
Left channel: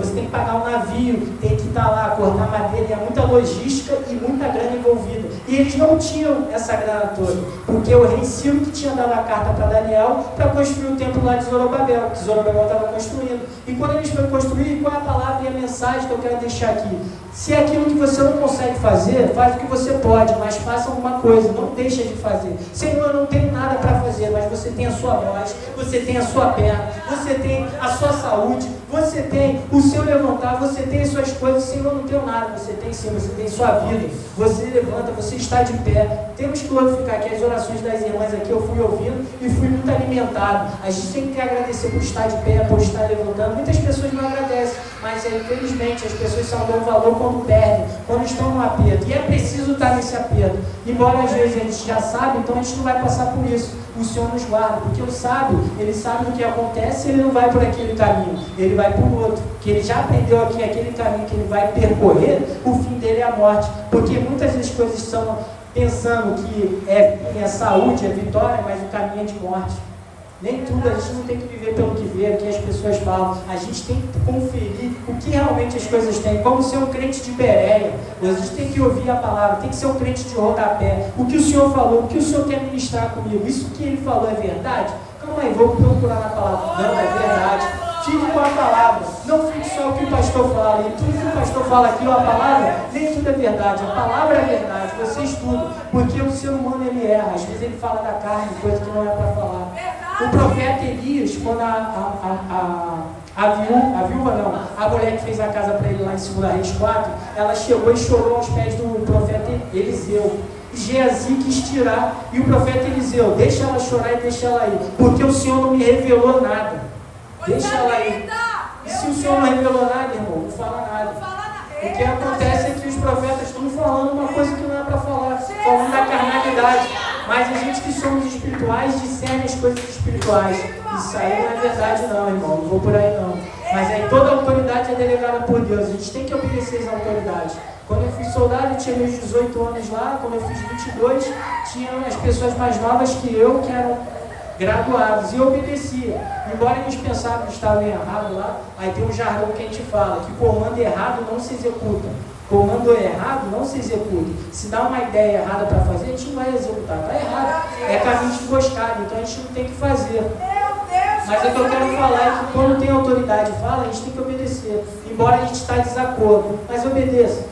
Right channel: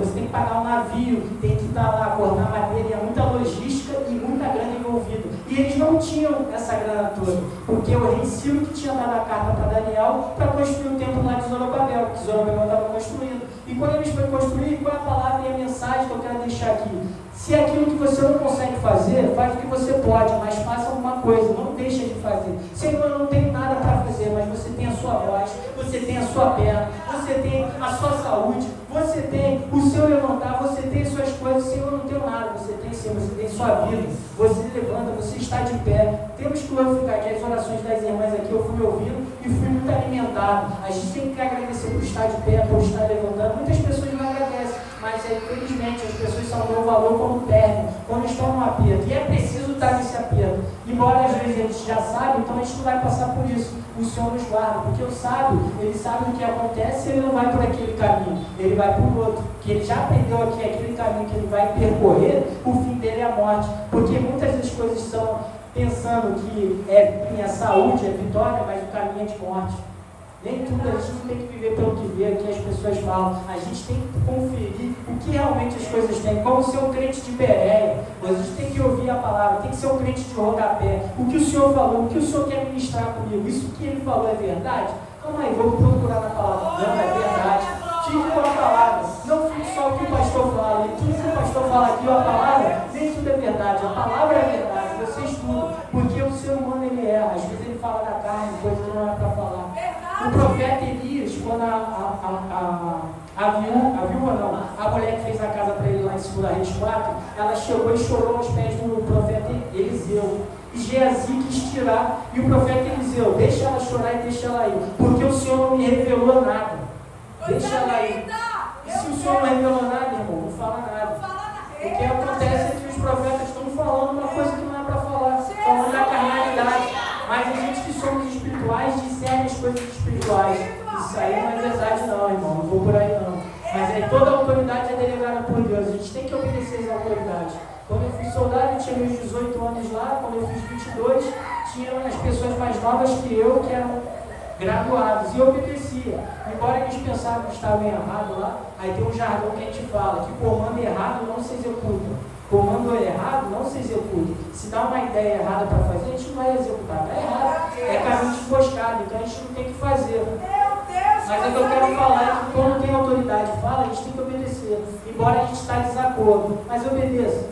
você tem que pagar um navio, tem que estar lá, cortar madeira, e é muita logística e muita grana envolvida. E eles não tinham essa grana toda, porque o rei Ciro que tinha dado a carta para Daniel para construir o templo lá de Zorobabel, que Zorobabel estava construindo. E quando eles foram construir, qual é a palavra e a mensagem que eu quero deixar aqui? Se é aquilo que você não consegue fazer, faz o que você pode, mas faça alguma coisa, não deixa de fazer. Senhor, eu não tenho nada para fazer, mas você tem a sua voz, você tem a sua perna, você tem a sua saúde, você tem o seu levantar, você tem as suas coisas. Senhor, eu não tenho nada, você tem sim, você tem sua vida, você levanta, você está de pé. Temos que glorificar aqui as orações das irmãs aqui, eu fui ouvindo e fui muito alimentado. A gente tem que agradecer por estar de pé, por estar levantando. Muitas pessoas não agradecem, mas infelizmente as pessoas só dão valor quando perdem, quando estão no aperto. E é preciso estar nesse aperto. Embora às vezes a gente já sabe, então a gente não vai passar por isso. O Senhor nos guarda, porque o sábio, ele sabe do que acontece, ele não vai por aquele caminho, ele vai por outro, que ele já aprendeu aqui, aquele caminho que ele vai percorrer, o fim dele é a morte, porque muitas das coisas são pensando que é saúde, é vitória, mas o caminho é de morte. Nem tudo, a gente não tem que viver pelo que vê, aqui as pessoas falam, a gente tem que conferir o que realmente as coisas têm, como ser um crente de Bereia, a gente tem que ouvir a palavra, tem que ser um crente de rodapé, o que o Senhor falou, o que o Senhor quer ministrar comigo, isso que ele falou é verdade? Calma aí, vou procurar na palavra, não, é verdade, tive uma palavra, não fique só o que o pastor fala, e tudo que o pastor fala aqui, a palavra, nem tudo é verdade, a palavra é verdade, você estuda, porque o ser humano ele erra, às vezes ele fala da carne, coisa que não é para falar. O profeta Elias, quando a mulher que fez a casa para ele lá em 2 Reis 4, ela chegou e chorou aos pés do profeta Eliseu. Geazi quis tirar, e o profeta Eliseu, deixa ela chorar e deixa ela ir, porque o Senhor não me revelou nada, deixa ela ir. E se o Senhor não revelou nada, irmão, não fala nada. O que acontece é que os profetas estão falando uma coisa que não é para falar, falando da carnalidade. Mas a gente que somos espirituais discerne as coisas espirituais. Isso aí não é verdade não, irmão, não vou por aí não. Mas aí toda a autoridade é delegada por Deus, a gente tem que obedecer às autoridades. Quando eu fui soldado, eu tinha meus 18 anos lá, quando eu fiz 22, tinha as pessoas mais novas que eu, que eram graduados, e eu obedecia. Embora eles pensavam que estavam errados lá, aí tem um jargão que a gente fala, que comando errado não se executa. Comando errado não se executa. Se dá uma ideia errada para fazer, a gente não vai executar. Está errado. É caminho de emboscada, então a gente não tem que fazer. Mas o que eu quero falar é que quando tem autoridade e fala, a gente tem que obedecer. Embora a gente está em desacordo. Mas obedeça.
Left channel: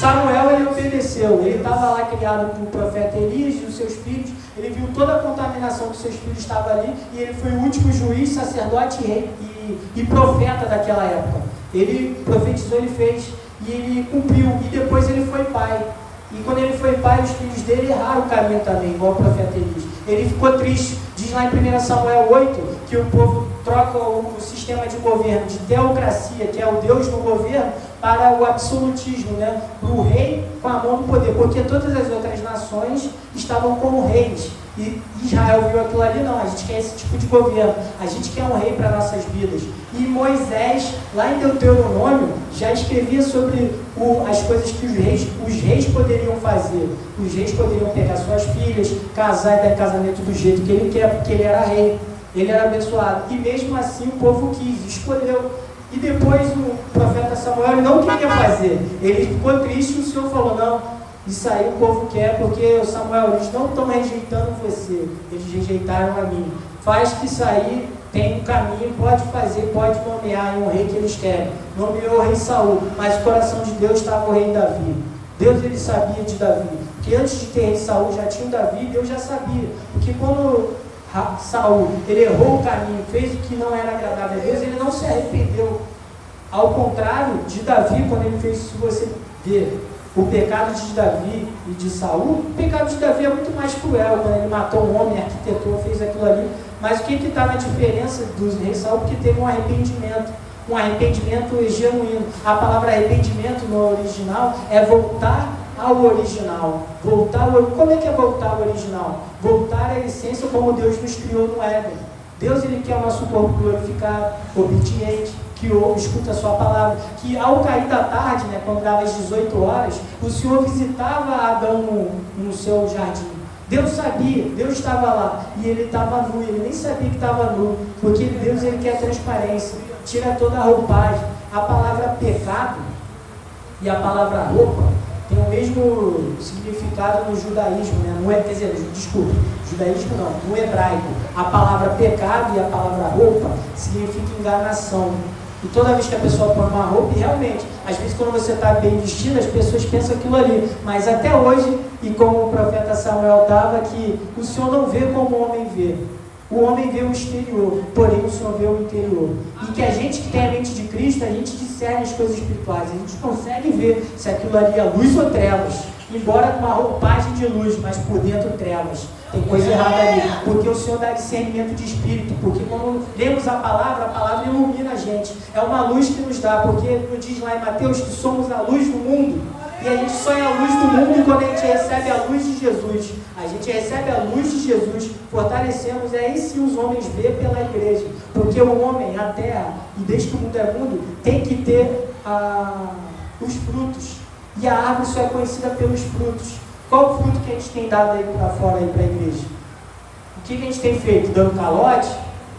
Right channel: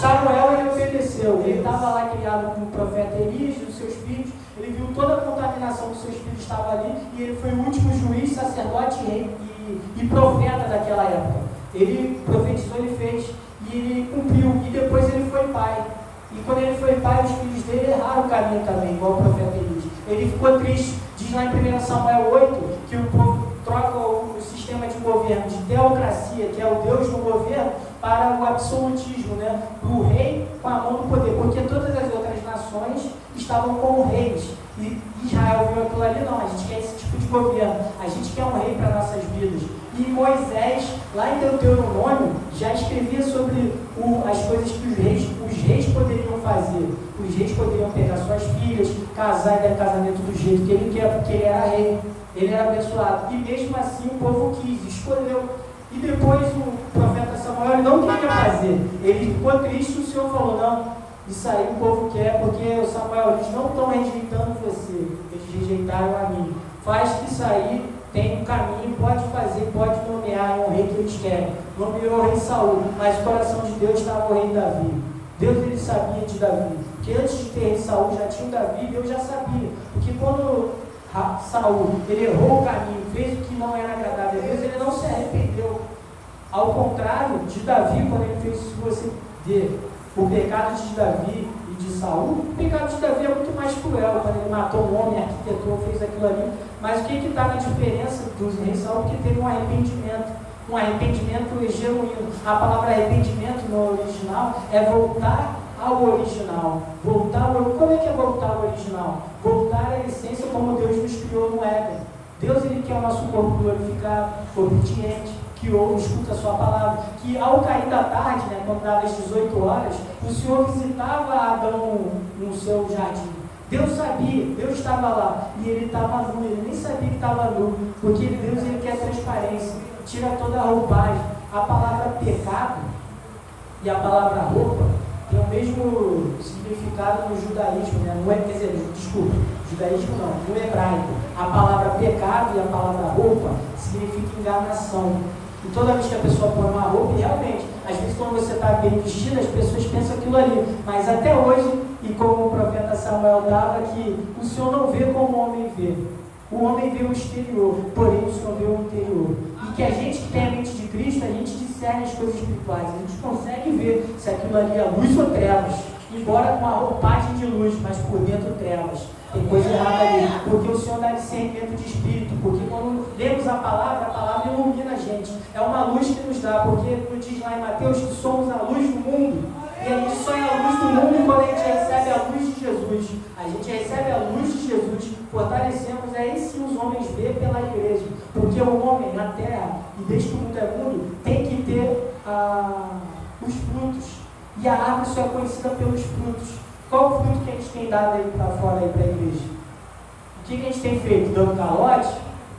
Samuel, ele obedeceu. Ele estava lá criado com o profeta Elias e os seus filhos. Ele viu toda a contaminação que seus filhos estavam ali. E ele foi o último juiz, sacerdote e profeta daquela época. Ele profetizou, ele fez. E ele cumpriu, e depois ele foi pai. E quando ele foi pai, os filhos dele erraram o caminho também, igual o profeta Elias. Ele ficou triste. Diz lá em 1 Samuel 8, que o povo troca o sistema de governo de teocracia, que é o Deus no governo, para o absolutismo, né? O rei com a mão do poder, porque todas as outras nações estavam como reis. E Israel viu aquilo ali, não, a gente quer esse tipo de governo, a gente quer um rei para nossas vidas. E Moisés, lá em Deuteronômio, já escrevia sobre as coisas que os reis poderiam fazer. Os reis poderiam pegar suas filhas, casar e dar casamento do jeito que ele quer, porque ele era rei, ele era abençoado. E mesmo assim o povo quis, escolheu. E depois o profeta Samuel não queria fazer, ele ficou triste e o Senhor falou, não, isso aí o povo quer, porque Samuel, eles não estão rejeitando você, eles rejeitaram a mim. Faz que isso aí tem um caminho, pode fazer, pode nomear um rei que eles querem. Nomeou o rei Saul, mas o coração de Deus estava no rei Davi. Deus, ele sabia de Davi, que antes de ter rei Saul já tinha o Davi, Deus já sabia, porque quando Saul, ele errou o caminho, fez o que não era agradável a Deus, ele não se arrependeu. Ao contrário de Davi, quando ele fez isso, você vê, O pecado de Davi e de Saul, o pecado de Davi é muito mais cruel, quando ele matou um homem, arquitetou, fez aquilo ali. Mas o que está na diferença dos reis Saul? Porque teve um arrependimento genuíno. A palavra arrependimento no original é voltar ao original. Como é que é voltar ao original? Voltar à essência como Deus nos criou no Éden. Deus, ele quer o nosso corpo glorificado, obediente, que ouve, escuta a sua palavra, que ao cair da tarde, né, quando dava as 18 horas, o Senhor visitava Adão no seu jardim. Deus sabia, Deus estava lá, e ele estava nu, ele nem sabia que estava nu, porque Deus, ele quer transparência, tira toda a roupagem. A palavra pecado e a palavra roupa tem o mesmo significado no judaísmo, né? Judaísmo não, no hebraico. A palavra pecado e a palavra roupa significa enganação. E toda vez que a pessoa põe uma roupa, e realmente, às vezes quando você está bem vestido, as pessoas pensam aquilo ali. Mas até hoje, e como o profeta Samuel dava, que o Senhor não vê como o homem vê. O homem vê o exterior, porém o Senhor vê o interior. E que a gente que tem a mente de Cristo, a gente discerne as coisas espirituais. A gente consegue ver se aquilo ali é luz ou trevas. Embora com uma roupagem de luz, mas por dentro trevas. Tem coisa errada ali. Porque o Senhor dá discernimento de espírito. Porque quando lemos a palavra ilumina a gente. É uma luz que nos dá. Porque nos diz lá em Mateus que somos a luz do mundo. E a gente sonha a luz do mundo quando a gente recebe a luz de Jesus. A gente recebe a luz de Jesus, fortalecemos, aí sim os homens vê pela igreja. Porque o homem, a terra, e desde que o mundo é mundo, tem que ter os frutos. E a árvore só é conhecida pelos frutos. Qual o fruto que a gente tem dado aí para fora, aí para a igreja? O que a gente tem feito? Dando calote?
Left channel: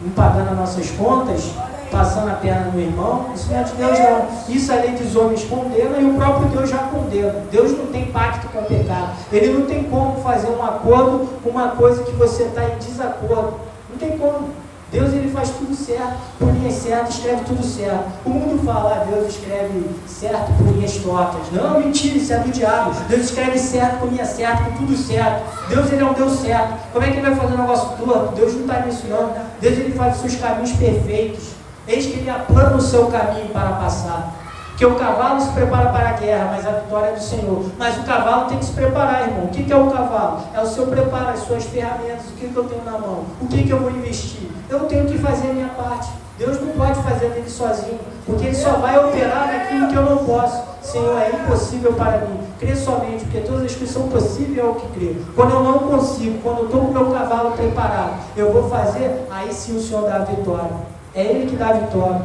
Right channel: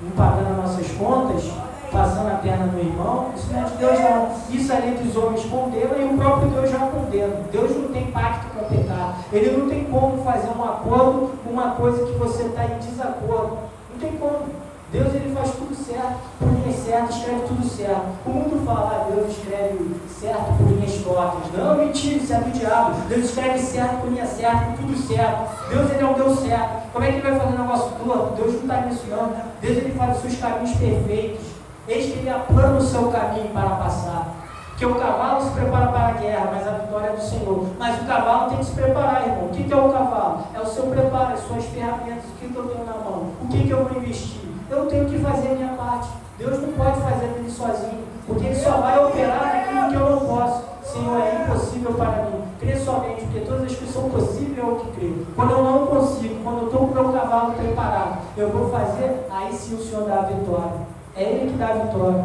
Não pagando as nossas contas? Passando a perna no irmão? Isso não é de Deus não. Isso ali dos homens condena e o próprio Deus já condena. Deus não tem pacto com o pecado. Ele não tem como fazer um acordo com uma coisa que você está em desacordo. Não tem como. Deus, ele faz tudo certo, por linhas certas, escreve tudo certo. O mundo fala, Deus escreve certo por linhas tortas. Não, mentira, isso é do diabo. Deus escreve certo por linha certa, por tudo certo. Deus, ele é um Deus certo. Como é que ele vai fazer um negócio torto? Deus não está nisso não. Deus, ele faz os seus caminhos perfeitos. Eis que ele aplana o seu caminho para passar. Porque o cavalo se prepara para a guerra, mas a vitória é do Senhor. Mas o cavalo tem que se preparar, irmão. O que é o cavalo? É o seu preparo, as suas ferramentas. O que eu tenho na mão? O que eu vou investir? Eu tenho que fazer a minha parte. Deus não pode fazer dele sozinho, porque ele só vai operar naquilo que eu não posso. Senhor, é impossível para mim. Crê somente, porque todas as coisas são possíveis ao que crê. Quando eu não consigo, quando eu estou com o meu cavalo preparado, eu vou fazer, aí sim o Senhor dá a vitória. É Ele que dá a vitória.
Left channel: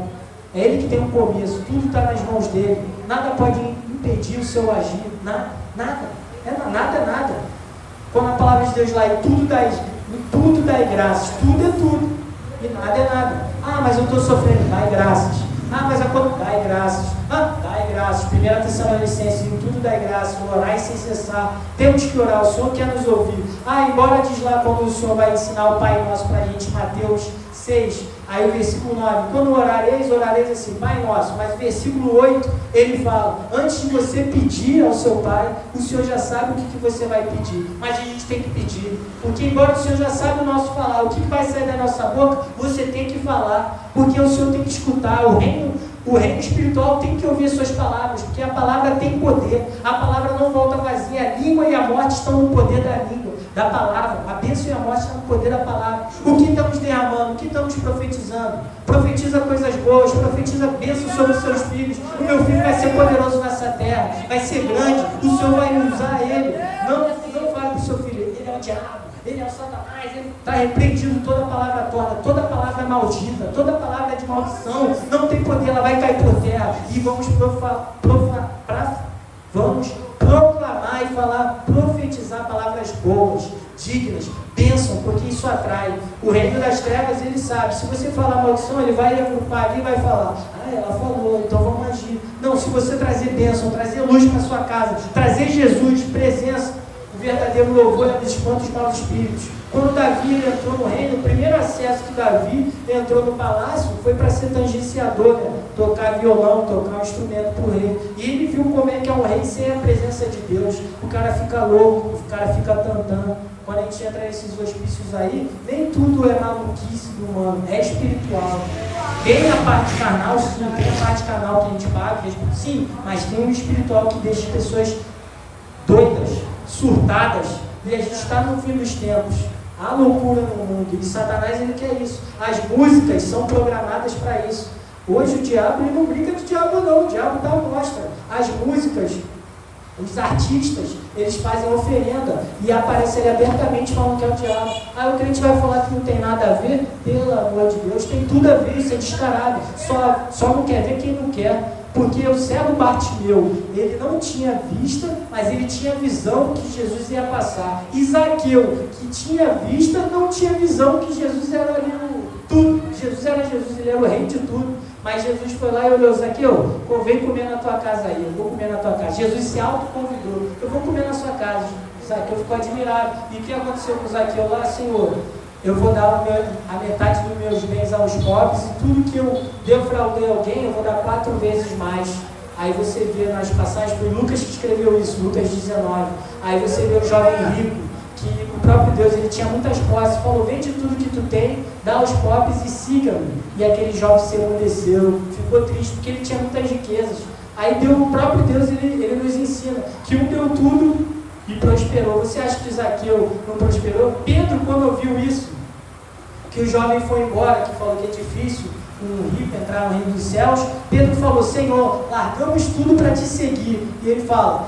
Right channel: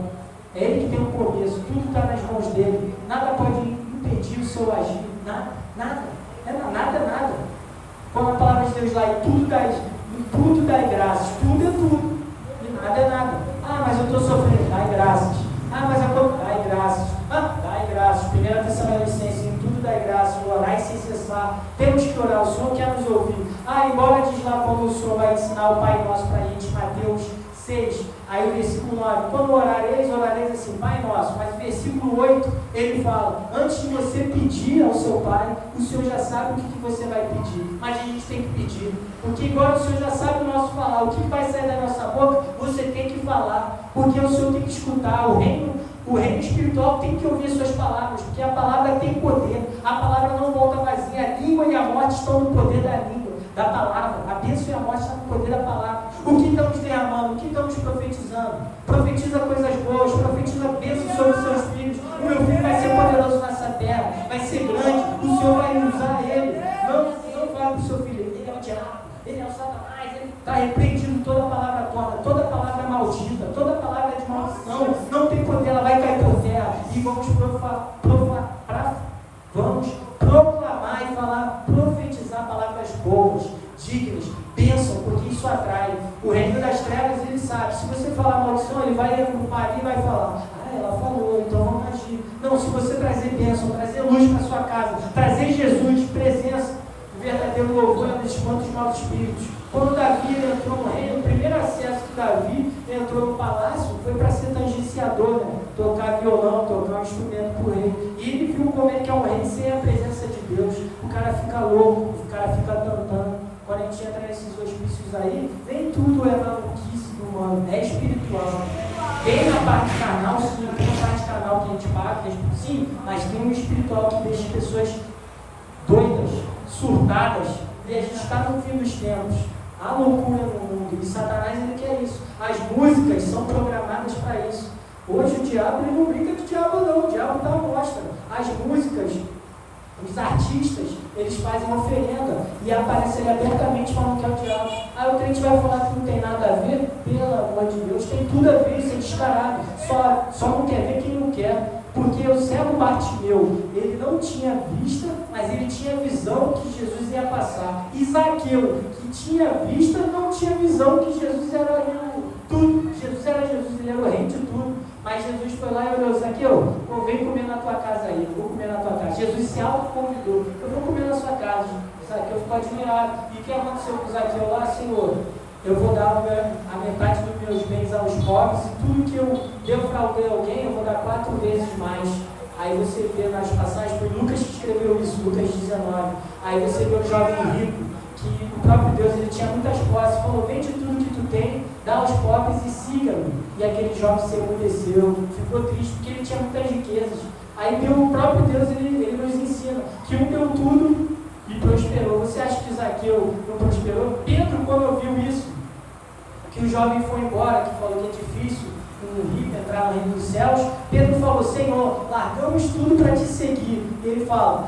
É Ele que tem um começo. Tudo está nas mãos dele. Nada pode impedir o seu agir. Nada. Nada é nada. Quando a palavra de Deus lá é tudo dá graças. Tudo é tudo. E nada é nada. Ah, mas eu estou sofrendo. Dai graças. Ah, mas agora dai graças. Dai graças. 1 Tessalonicenses, em tudo dai graças. Orai sem cessar. Temos que orar. O Senhor quer nos ouvir. Embora diz lá quando o Senhor vai ensinar o Pai Nosso para a gente, Mateus 6, aí o versículo 9, quando orareis assim, Pai Nosso, mas o versículo 8, ele fala, antes de você pedir ao seu Pai, o Senhor já sabe o que você vai pedir, mas a gente tem que pedir, porque embora o Senhor já sabe o nosso falar, o que vai sair da nossa boca, você tem que falar, porque o Senhor tem que escutar, o reino espiritual tem que ouvir suas palavras, porque a palavra tem poder, a palavra não volta vazia, a língua e a morte estão no poder da língua, da palavra, a bênção e a morte estão no poder da palavra. O que estamos derramando, o que estamos profetizando? Profetiza coisas boas, profetiza bênção sobre os seus filhos. O meu filho vai ser poderoso nessa terra, vai ser grande, o Senhor vai usar ele. Não fale para o seu filho, ele é o diabo, ele é o Satanás, ele está repreendido toda palavra torta, toda palavra maldita, toda palavra de maldição, não tem poder, ela vai cair por terra. E vamos proclamar e falar, profetizar palavras boas, dignas, bênção, porque isso atrai. O reino das trevas, ele sabe, se você falar maldição, ele vai agrupar ali e vai falar, ela falou, então vamos agir. Não, se você trazer bênção, trazer luz para sua casa, trazer Jesus, presença, o verdadeiro louvor é dos espantos maus espíritos. Quando Davi entrou no reino, o primeiro acesso que Davi entrou no palácio foi para ser tangenciador, né? Tocar violão, tocar um instrumento para o rei. E ele viu como é que é um rei sem a presença de Deus. O cara fica louco, o cara fica tantando. Quando a gente entra nesses hospícios aí, nem tudo é maluquice do humano, é espiritual. Tem a parte carnal, sim, tem a parte carnal que a gente paga, sim, mas tem um espiritual que deixa as pessoas doidas, surtadas, e a gente está no fim dos tempos. Há loucura no mundo, e Satanás ele quer isso. As músicas são programadas para isso. Hoje o diabo ele não brinca de diabo não, o diabo dá amostra. As músicas, os artistas, eles fazem oferenda e aparece ali abertamente falando que é o diabo. Aí o crente vai falar que não tem nada a ver, pelo amor de Deus, tem tudo a ver, isso é descarado. Só não quer ver quem não quer. Porque o cego Bartimeu, ele não tinha vista, mas ele tinha visão que Jesus ia passar. E Zaqueu, que tinha vista, não tinha visão que Jesus era tudo. Jesus era Jesus, ele era o rei de tudo. Mas Jesus foi lá e olhou: Zaqueu, vem comer na tua casa aí, eu vou comer na tua casa. Jesus se autoconvidou: eu vou comer na sua casa. Zaqueu ficou admirado. E o que aconteceu com Zaqueu lá? Senhor, eu vou dar a metade dos meus bens aos pobres, e tudo que eu defraudei alguém, eu vou dar 4 vezes mais. Aí você vê nas passagens, foi Lucas que escreveu isso, Lucas 19. Aí você vê o jovem rico, que o próprio Deus, ele tinha muitas posses, falou: vende tudo que tu tem, dá aos pobres e siga-me. E aquele jovem se emudeceu, ficou triste, porque ele tinha muitas riquezas. Aí o próprio Deus, ele nos ensina que um deu tudo e prosperou. Você acha que Zaqueu não prosperou? Pedro, quando ouviu isso, que o jovem foi embora, que falou que é difícil um rico entrar no reino dos céus, Pedro falou: Senhor, largamos tudo para te seguir. E ele fala:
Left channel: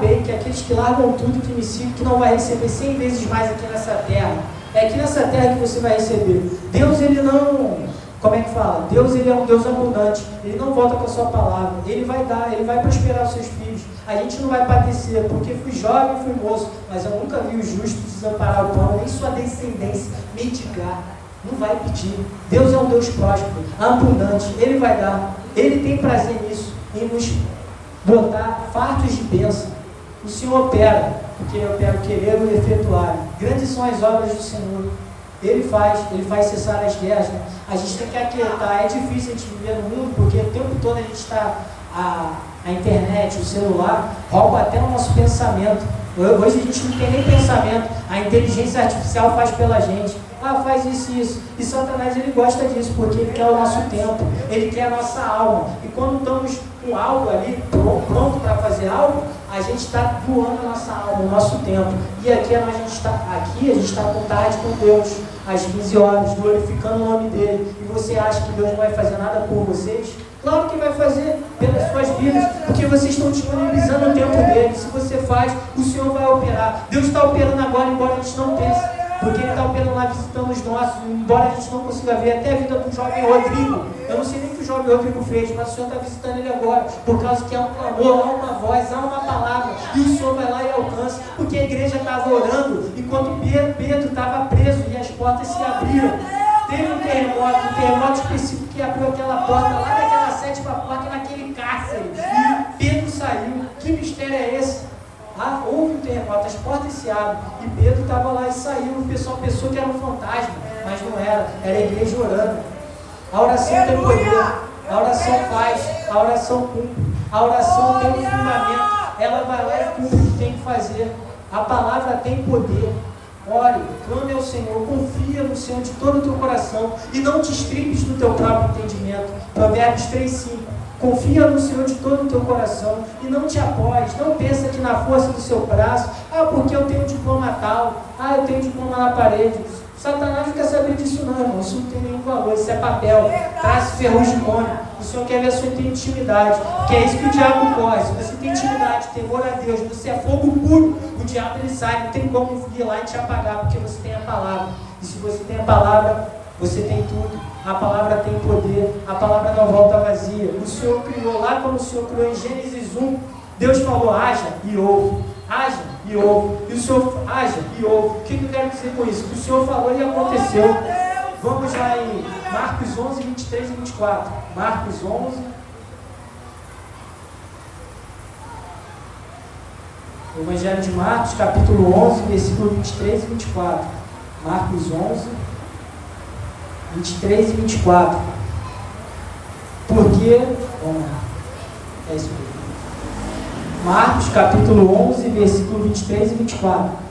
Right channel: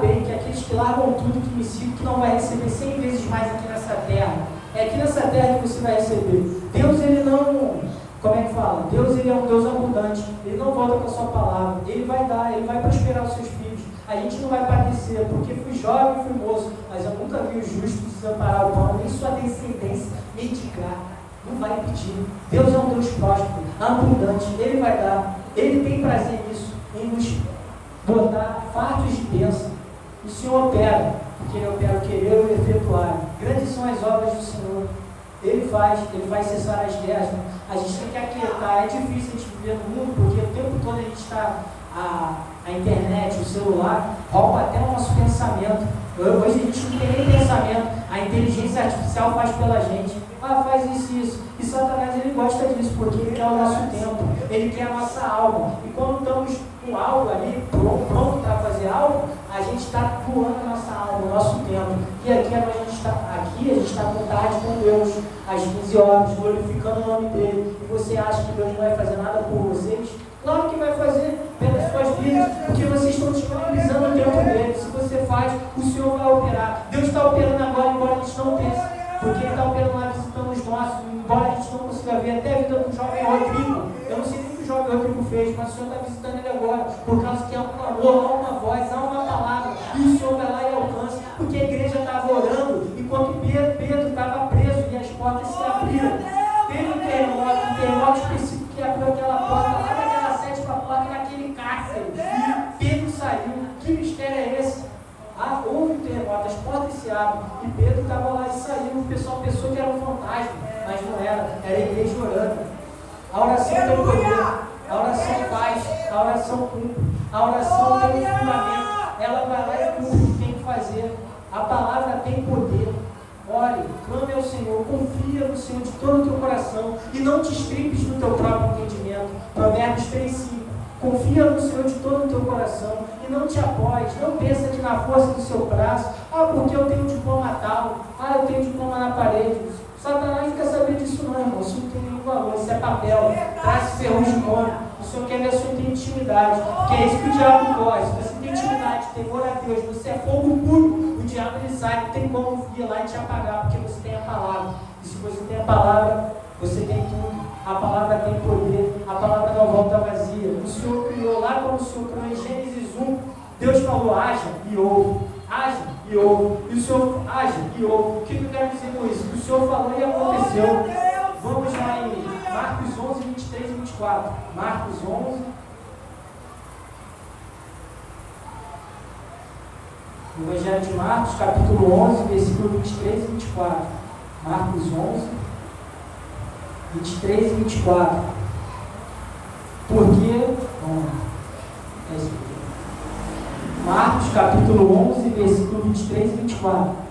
bem, que aqueles que largam tudo que me sigam, tu não vai receber 100 vezes mais aqui nessa terra. É aqui nessa terra que você vai receber. Deus, ele não, como é que fala? Deus, ele é um Deus abundante, ele não volta com a sua palavra, ele vai dar, ele vai prosperar os seus filhos. A gente não vai padecer, porque fui jovem, fui moço, mas eu nunca vi o justo desamparar o pão, nem sua descendência mendigar. Não vai pedir. Deus é um Deus próspero, abundante, ele vai dar. Ele tem prazer nisso, em nos botar fartos de bênção. O Senhor opera, porque ele opera o querer e o efetuar. Grandes são as obras do Senhor. Ele faz cessar as guerras. Né? A gente tem que aquietar. É difícil a gente viver no mundo, porque o tempo todo a gente está... A internet, o celular, rouba até o nosso pensamento. Hoje a gente não tem nem pensamento. A inteligência artificial faz pela gente. Faz isso e isso. E Satanás, ele gosta disso, porque ele quer o nosso tempo, ele quer a nossa alma. E quando estamos com algo ali, pronto para fazer algo, a gente está doando a nossa alma, o nosso tempo. E aqui a gente está com tarde com Deus, às 15 horas, glorificando o nome dele. E você acha que Deus não vai fazer nada por vocês? Claro que vai fazer pelas suas vidas, porque vocês estão disponibilizando o tempo dele. Se você faz, o Senhor vai operar. Deus está operando agora, embora a gente não pense, porque ele está operando lá, visitando os nossos, embora a gente não consiga ver até a vida do jovem Rodrigo. Eu não sei nem o que o jovem Rodrigo fez, mas o Senhor está visitando ele agora, por causa que há um clamor, há uma voz, há uma palavra, e o Senhor vai lá e alcança, porque a igreja estava orando, enquanto Pedro estava preso e as portas se abriram. Teve um terremoto específico que abriu aquela porta lá naquela 7ª porta, naquele cárcere, e Pedro saiu. Que mistério é esse? Houve um terremoto, as portas se abrem, e Pedro estava lá e saiu. O pessoal pensou que era um fantasma, mas não era a igreja orando. A oração tem poder, a oração faz, a oração cumpre, a oração tem um fundamento, ela vai lá e cumpre o que tem que fazer. A palavra tem poder. Ore, clame ao Senhor, confia no Senhor de todo o teu coração e não te estripes no teu próprio entendimento. Provérbios 3:5. Confia no Senhor de todo o teu coração e não te apoies, não pensa que na força do seu braço, porque eu tenho um diploma tal, eu tenho um diploma na parede. Satanás não quer saber disso não, irmão, isso não tem nenhum valor, isso é papel, traço ferrugem nome. O Senhor quer ver a sua intimidade, que é isso que o diabo corre. Se você tem intimidade, temor a Deus, você é fogo puro, o diabo ele sai, não tem como vir lá e te apagar, porque você tem a palavra. E se você tem a palavra, você tem tudo. A palavra tem poder, a palavra não volta vazia. O Senhor criou lá, quando o Senhor criou em Gênesis 1, Deus falou: haja e ouve, haja e ouve. E o Senhor haja e ouve. O que eu quero dizer com isso? O que o Senhor falou e aconteceu. Vamos lá em Marcos 11, 23 e 24. Marcos 11. Evangelho de Marcos, capítulo 11, versículo 23 e 24. Marcos 11, 23 e 24. Porque, vamos lá, é isso mesmo. Marcos, capítulo 11, versículo 23 e 24.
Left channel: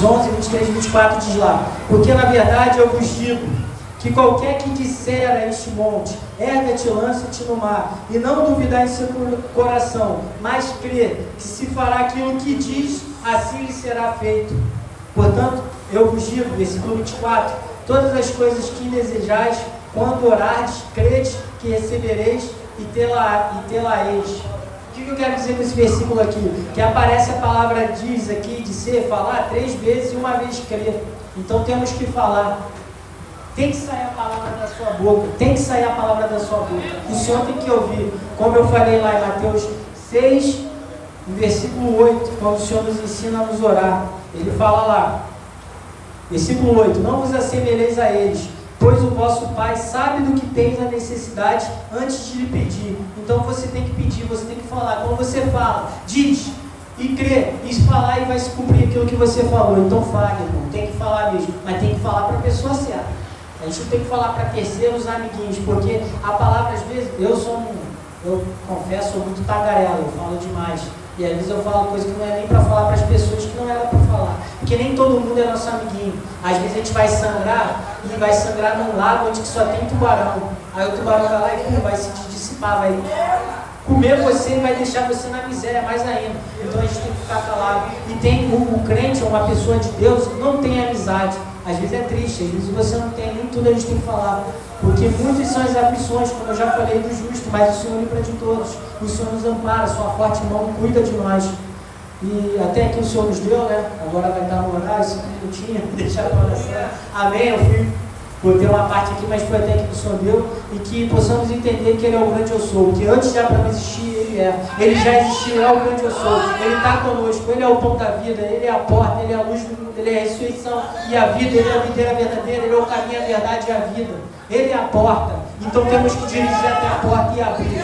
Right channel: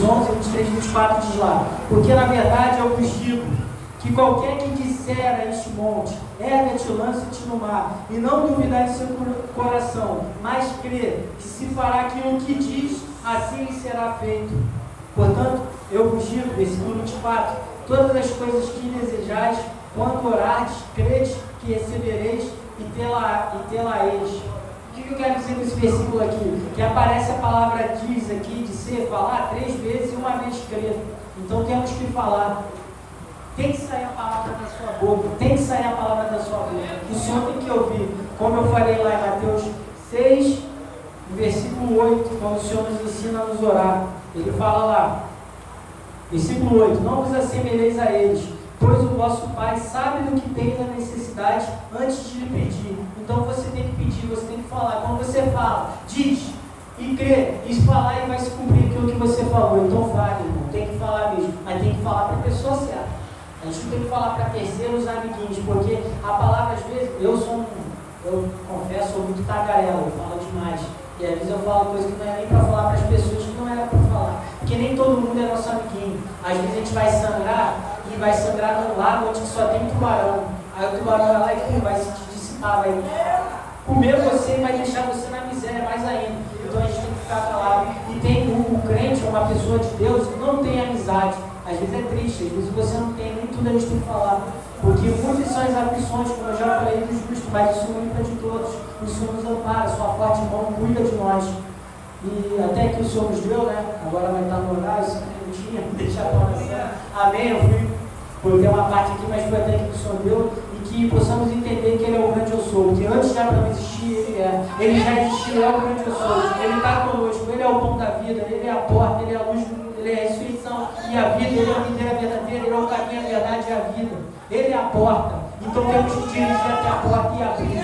Coríntios 11, 23 e 24 diz lá: porque na verdade eu vos digo que qualquer que disser a este monte, erga-te, lança-te no mar, e não duvidar em seu coração, mas crê que se fará aquilo que diz, assim lhe será feito. Portanto, eu vos digo, versículo 24, todas as coisas que desejais, quando orardes, credes que recebereis e tê-la-eis. O que eu quero dizer com esse versículo aqui? Que aparece a palavra diz aqui, dizer, falar 3 vezes e uma vez crer. Então temos que falar. Tem que sair a palavra da sua boca. Tem que sair a palavra da sua boca. O Senhor tem que ouvir. Como eu falei lá em Mateus 6, no versículo 8, quando o Senhor nos ensina a nos orar. Ele fala lá, versículo 8: não vos assemelheis a eles, pois o vosso Pai sabe do que tens a necessidade antes de lhe pedir. Então você tem que pedir, você tem que falar. Quando você fala, diz e crê, e falar e vai se cumprir aquilo que você falou. Então fale, irmão, tem que falar mesmo, mas tem que falar para a pessoa certa. A gente não tem que falar para terceiros amiguinhos, porque a palavra às vezes, eu confesso, sou muito tagarela, eu falo demais. E às vezes eu falo coisas que não é nem para falar para as pessoas que não era para falar. Porque nem todo mundo é nosso amiguinho. Às vezes a gente vai sangrar, e vai sangrar num lago onde só tem tubarão. Aí o tubarão vai lá e vai se dissipar, vai comer você e vai deixar você na miséria mais ainda. Então a gente tem que ficar calado. E tem o crente, uma pessoa de Deus, não tem amizade. Às vezes é triste, às vezes você não tem, nem tudo a gente tem que falar. Porque muitas são as aflições, como eu já falei, do justo, mas o Senhor livra de todos. O Senhor nos ampara, sua forte mão cuida de nós. E até que o Senhor nos deu, né? Agora vai dar no horário, 5 minutinhos, deixar a oração. Amém? Eu fui ter uma parte aqui, mas foi até que o Senhor deu. E que possamos entender que Ele é o grande eu sou. Que antes de Abraão existir, Ele é. Ele já existiu, Ele é o grande eu sou. Ele está conosco, Ele é o pão da vida, Ele é a porta, Ele é a luz do mundo, Ele é a ressurreição e a vida, Ele é a videira verdadeira, Ele é o caminho, a verdade e a vida. Ele é a porta. Então temos que dirigir até a porta e abrir.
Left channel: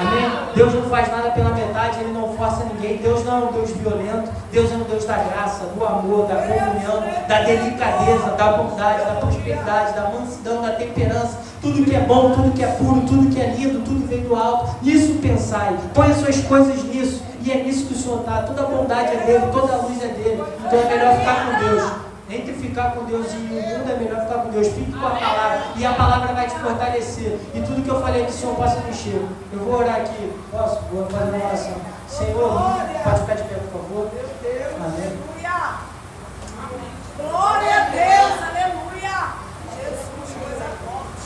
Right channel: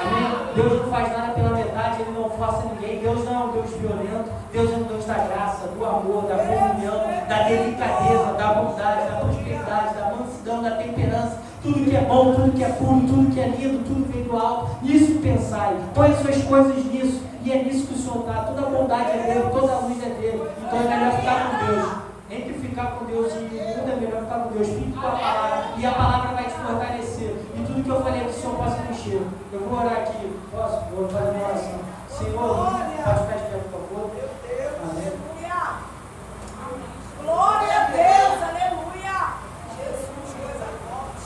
Amém? Deus não faz nada pela metade, Ele não força ninguém. Deus não é um Deus violento. Deus é um Deus da graça, do amor, da comunhão, da delicadeza, da bondade, da prosperidade, da mansidão, da temperança. Tudo que é bom, tudo que é puro, tudo que é lindo, tudo vem do alto. Nisso pensai. Põe as suas coisas nisso. E é nisso que o Senhor está. Toda bondade é dele, toda luz é dele. Então é melhor ficar com Deus. Entre ficar com Deus e o mundo é melhor ficar com Deus. Fique com a palavra. E a palavra vai te fortalecer. E tudo que eu falei aqui, o Senhor possa mexer. Eu vou orar aqui. Posso? Vou fazer uma oração. Senhor, pode ficar de pé, por favor. Amém. Glória a Deus, aleluia.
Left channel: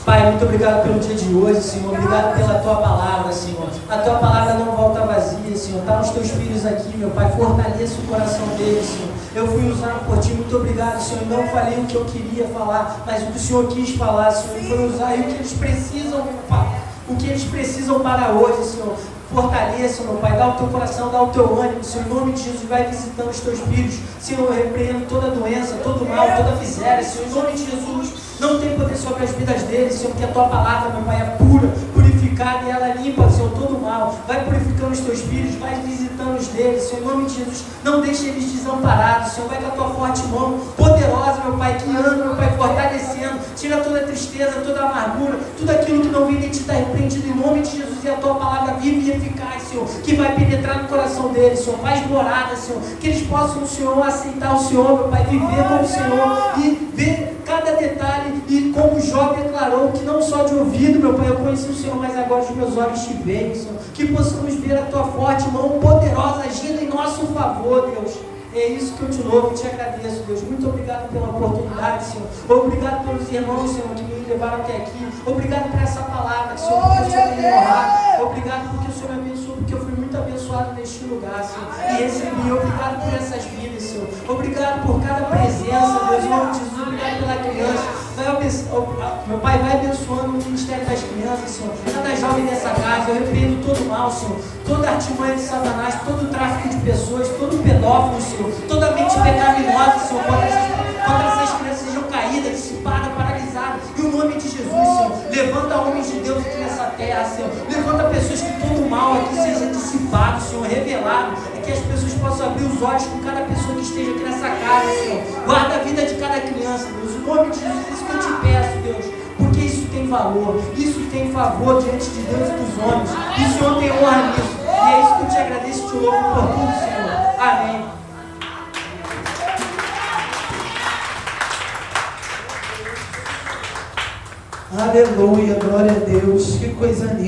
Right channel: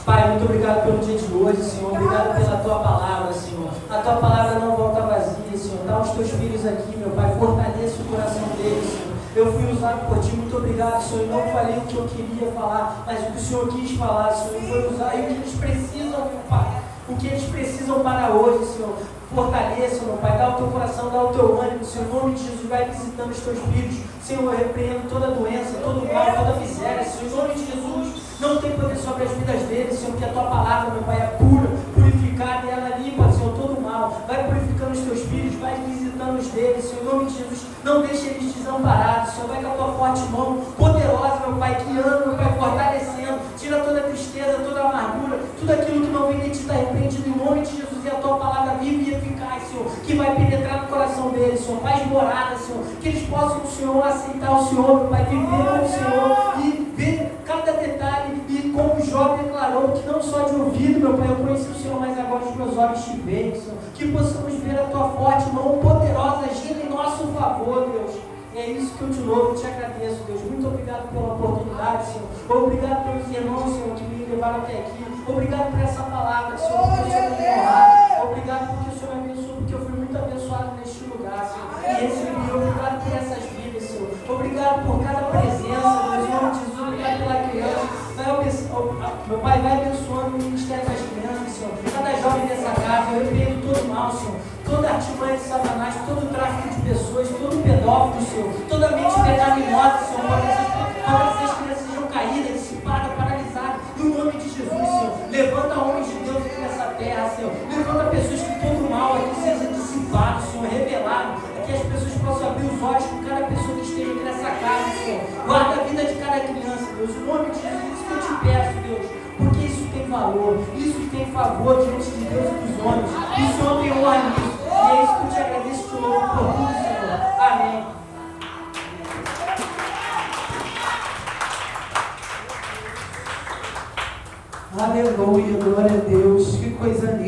Pai, muito obrigado pelo dia de hoje, Senhor. Obrigado pela Tua palavra, Senhor. A Tua palavra não volta vazia, Senhor. Dá os Teus filhos aqui, meu Pai. Fortaleça o coração deles, Senhor. Eu fui usado por Ti, muito obrigado, Senhor. Eu não falei o que eu queria falar, mas o que o Senhor quis falar, Senhor. E foi usar e o que eles precisam, meu Pai. O que eles precisam para hoje, Senhor. Fortaleça, meu Pai, dá o teu coração, dá o teu ânimo, Senhor, em nome de Jesus, vai visitando os teus filhos, Senhor, eu repreendo toda doença, todo mal, toda miséria, Senhor, em nome de Jesus, não tem poder sobre as vidas deles, Senhor, porque a tua palavra, meu Pai, é pura, purificada e ela limpa, Senhor, todo mal, vai purificando os teus filhos, vai visitando os deles, Senhor, em nome de Jesus, não deixe eles desamparados, Senhor, vai com a tua forte mão, poderosa, meu Pai, que anda, meu Pai, fortalecendo, tira toda a tristeza, toda a amargura, tudo aquilo que não vem de ti está repreendido, em nome de Jesus, e a tua palavra vive e eficaz, Senhor, que vai penetrar no coração deles, Senhor, faz morada, Senhor, que eles possam, Senhor, aceitar o Senhor, meu Pai, viver com o Senhor e ver cada detalhe, e como Jó declarou, que não só de ouvido, meu Pai, eu conheci o Senhor, mas agora os meus olhos te veem, Senhor, que possamos ver a tua forte mão poderosa agindo em nosso favor, Deus. É isso que eu te louvo, eu te agradeço, Deus. Muito obrigado pela oportunidade, Senhor. Obrigado pelos irmãos, Senhor, que me levaram até aqui. Obrigado por essa palavra, Senhor, porque o Senhor me honrar. Obrigado porque o Senhor me abençoou, porque eu fui muito abençoado neste lugar, Senhor. E recebi. Obrigado por essas vidas, Senhor. Obrigado por cada presença, Deus. Em nome de Jesus, obrigado pela criança. Meu Pai, vai abençoando o ministério das crianças, Senhor. Cada jovem nessa casa, eu repreendo todo mal, Senhor. Toda artimanha de Satanás, todo o tráfico de pessoas, todo pedófilo, Senhor. Toda mente pecaminosa, Senhor. Quando essas crianças sejam caídas, dissipadas, paralisadas. Em nome de Jesus, Senhor. Levanta homens de Deus aqui nessa terra, Senhor. Levanta pessoas que todo mal aqui seja dissipado, Senhor. Revelado. É que as pessoas possam abrir os olhos com cada pessoa que esteja aqui nessa casa, Senhor. Guarda a vida de cada criança, Deus. Em nome de Jesus, isso que eu te peço, Deus. Porque isso tem valor. Isso tem favor diante de Deus e dos homens. E o Senhor tem honra nisso. E é isso que eu te agradeço e te louvo por tudo, Senhor. Amém. Aleluia, glória a Deus. Que coisa linda.